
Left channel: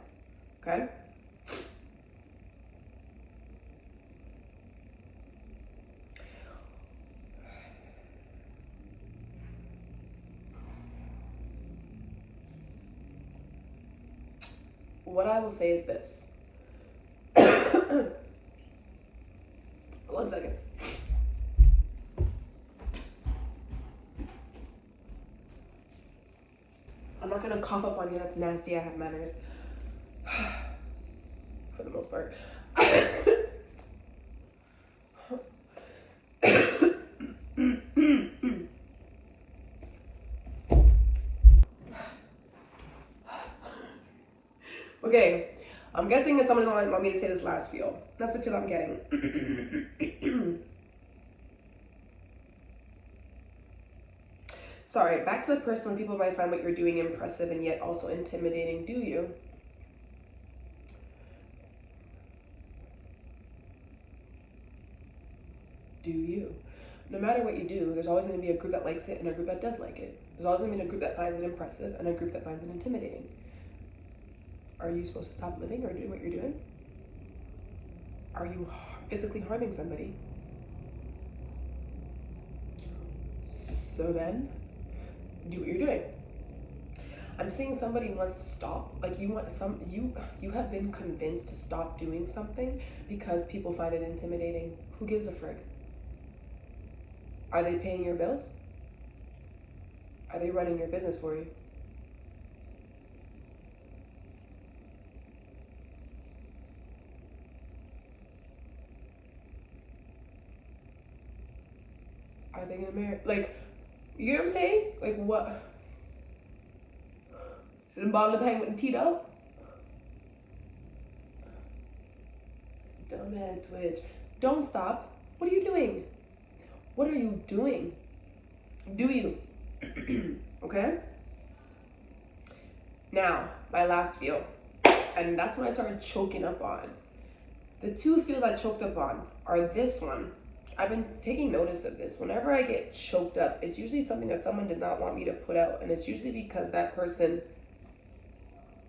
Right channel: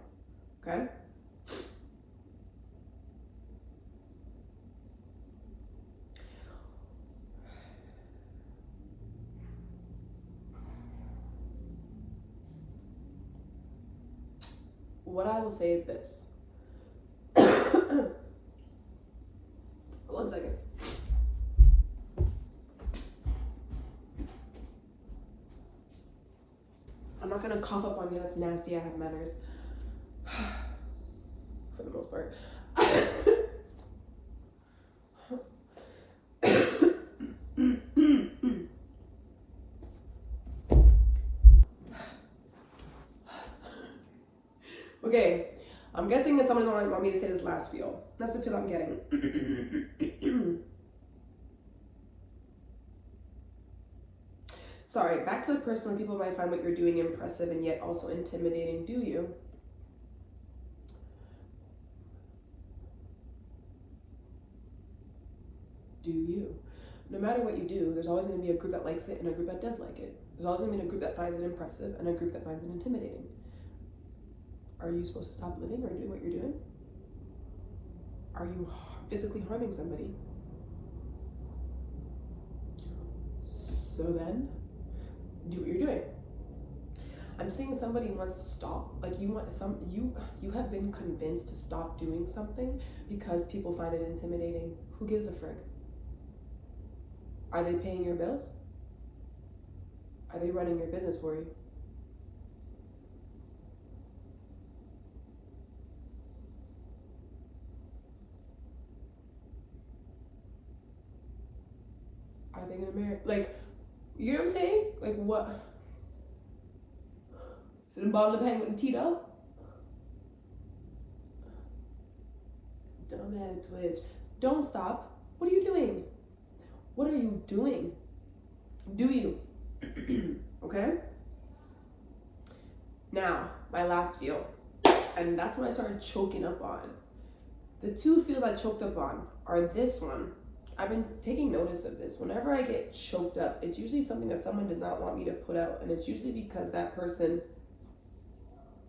Okay? What I will say is this. One second. I'm not gonna cough up on you, that's nasty, I have manners. For the most part. I'm guessing that someone doesn't want me to say this last feel. That's the feel I'm getting. Sorry, back to the person when people might find what you're doing impressive and yet also intimidating. Do you? Do you? No matter what you do, there's always going to be a group that likes it and a group that does like it. There's always going to be a group that finds it impressive and a group that finds it intimidating. Are you supposed to stop living or doing what you're doing? Are you physically harming somebody? So then, do what you're doing. I'm seeing somebody wants to stop. Like you have been convinced to stop doing something because people find it intimidating. Who gives a frig? Are they paying your bills? Are they running your business for you? Are they gonna marry? Like, you know what I'm saying? Like what? Is it a bottle of hang with the teeth out? Dumbass Twitch. Don't stop. What are you doing? What are you doing? Do you? Okay? Now, my last feel. And that's when I started choking up on. The two feels I choked up on are this one. I've been taking notice of this. Whenever I get choked up, it's usually something that someone does not want me to put out. And it's usually because that person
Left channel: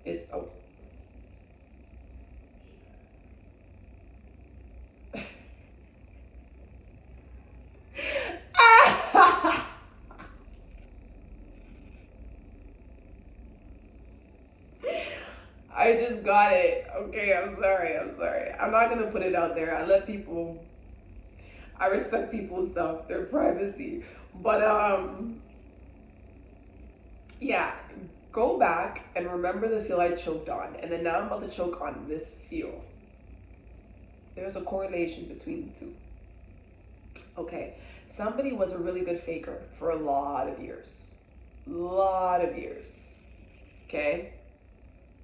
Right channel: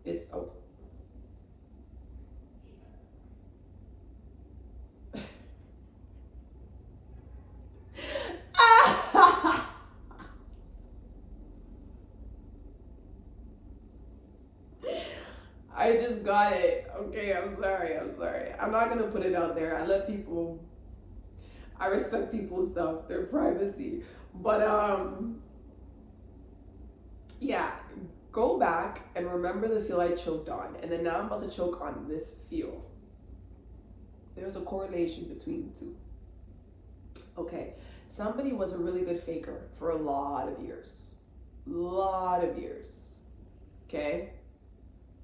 is... Oh. I just got it. Okay, I'm sorry. I'm not gonna put it out there. I respect people's stuff, their privacy. But yeah, go back and remember the feel I choked on. And then now I'm about to choke on this feel. There's a correlation between the two. Okay, somebody was a really good faker for a lot of years. Okay?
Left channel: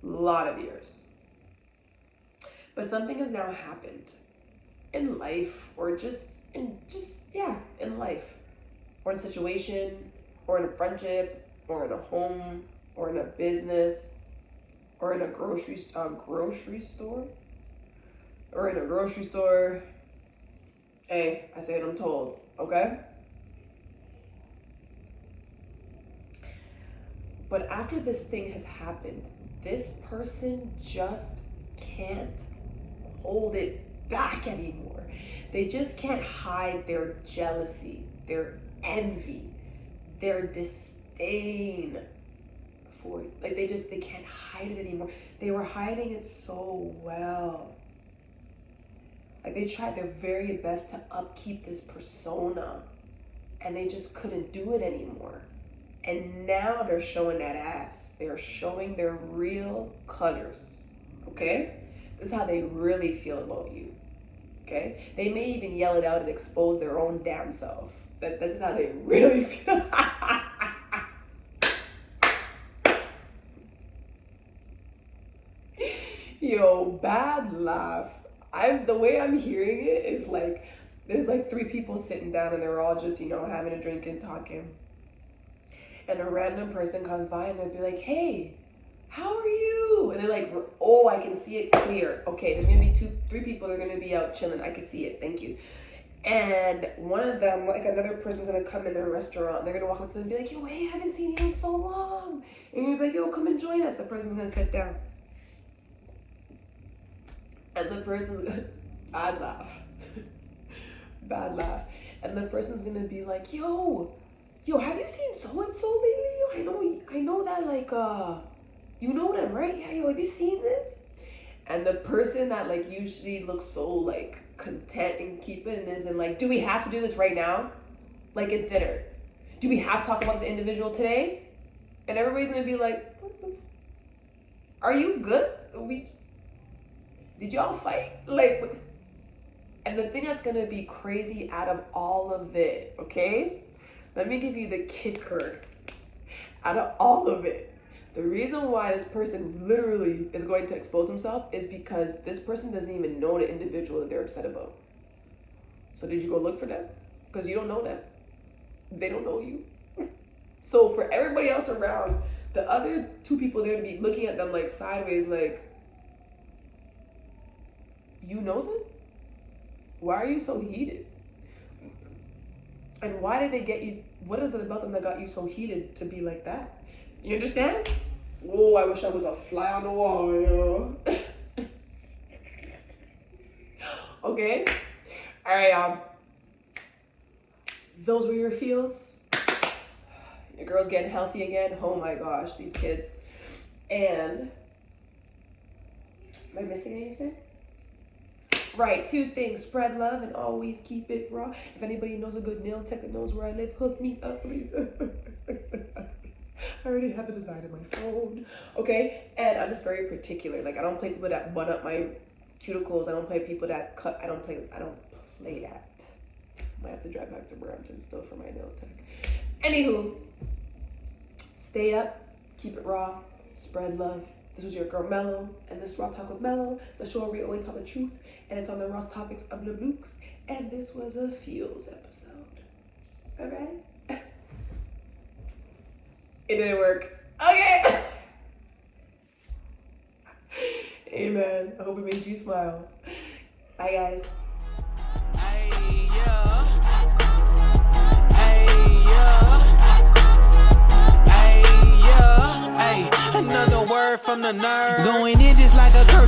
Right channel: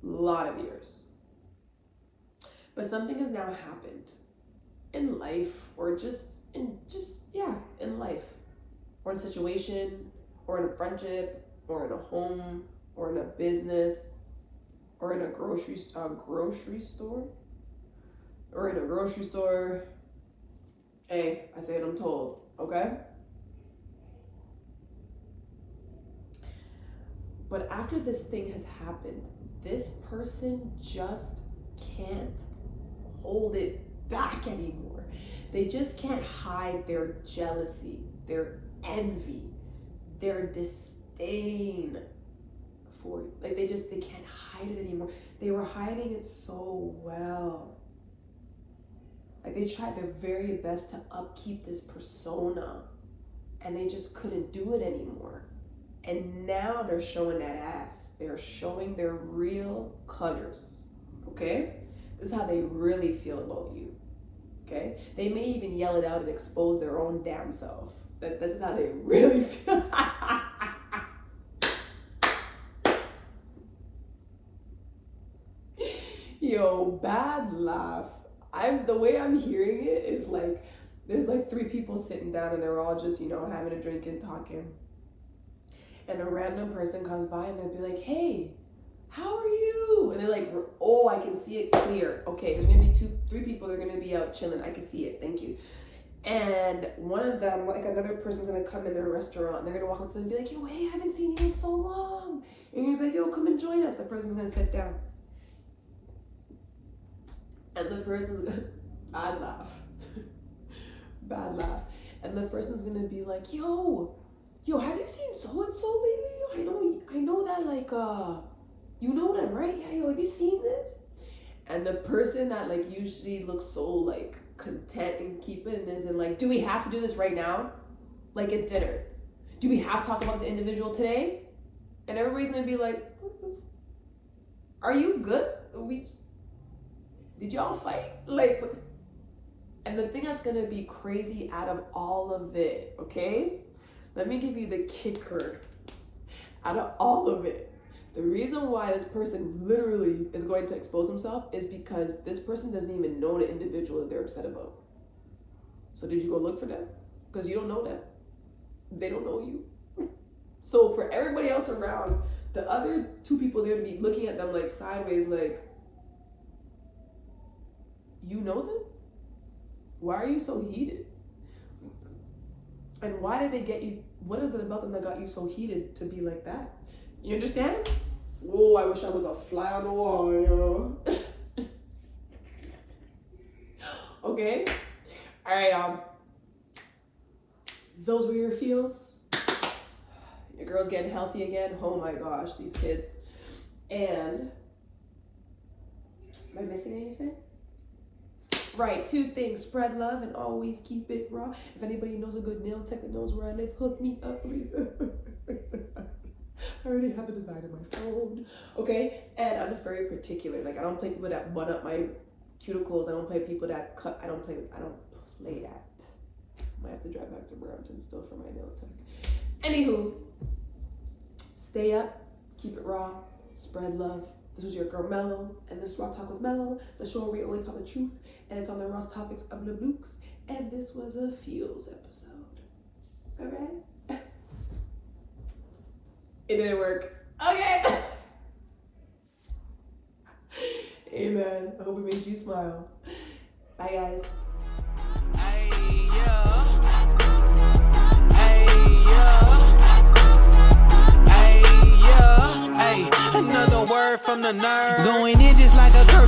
Lot of years. But something has now happened in life, or in life, or in a situation, or in a friendship, or in a home, or in a business, or in a grocery store, or in a grocery store. Hey, I say what I'm told, okay? But after this thing has happened, this person just can't hold it back anymore. They just can't hide their jealousy, their envy, their disdain for you. Like they can't hide it anymore. They were hiding it so well. Like they tried their very best to upkeep this persona and they just couldn't do it anymore. And now they're showing that ass. They're showing their real colors, okay? This is how they really feel about you, okay? They may even yell it out and expose their own damn self. This is how they really feel. Yo, bad laugh. The way I'm hearing it is like, there's like 3 people sitting down and they're all just, having a drink and talking. And a random person comes by and they'll be like, hey, how are you? And they're like, oh, I can see it clear. Okay, there's gonna be 3 people, they're gonna be out chilling. I can see it, thank you. And one of them, like another person's gonna come in their restaurant and they're gonna walk up to them and be like, yo, hey, I haven't seen you in so long. And you're gonna be like, yo, come and join us. The person's gonna sit down. And the person's gonna, bad laugh. Bad laugh. And the person's gonna be like, yo, have you seen so-and-so lately? I know that, like, you know them, right? Yeah, yo, have you seen this? And the person that, like, usually looks so, like, content and keep it and isn't like, do we have to do this right now? Like, it's dinner. Do we have to talk about this individual today? And everybody's gonna be like, are you good? Did y'all fight? Like, and the thing that's gonna be crazy out of all of it, okay? Let me give you the kicker. Out of all of it, The reason why this person literally is going to expose himself is because this person doesn't even know the individual that they're upset about. So did you go look for them? Because you don't know them. They don't know you. So for everybody else around, the other two people there to be looking at them like sideways, like, you know them? Why are you so heated? And why did they get you? What is it about them that got you so heated to be like that? You understand? Oh, I wish I was a fly on the wall, yo. Okay? All right, those were your feels. Your girl's getting healthy again. Oh my gosh, these kids. And am I missing anything? Right, 2 things. Spread love and always keep it raw. If anybody knows a good nail tech that knows where I live, hook me up, please. I already have the design in my phone. Okay? And I'm just very particular. Like, I don't play people that butt up my cuticles. I don't play people that cut. I don't play that. Might have to drive back to Brampton still for my nail tech. Anywho, stay up, keep it raw, spread love. This was your girl Melo, and this is Raw Talk with Melo, the show where we only tell the truth, and it's on the rawest topics of the Blukes, and this was a feels episode. All right? It didn't work. Okay. Amen. I hope it made you smile. Bye, guys. Hey, yeah. Another word from the nerd. Going in just like a curfew.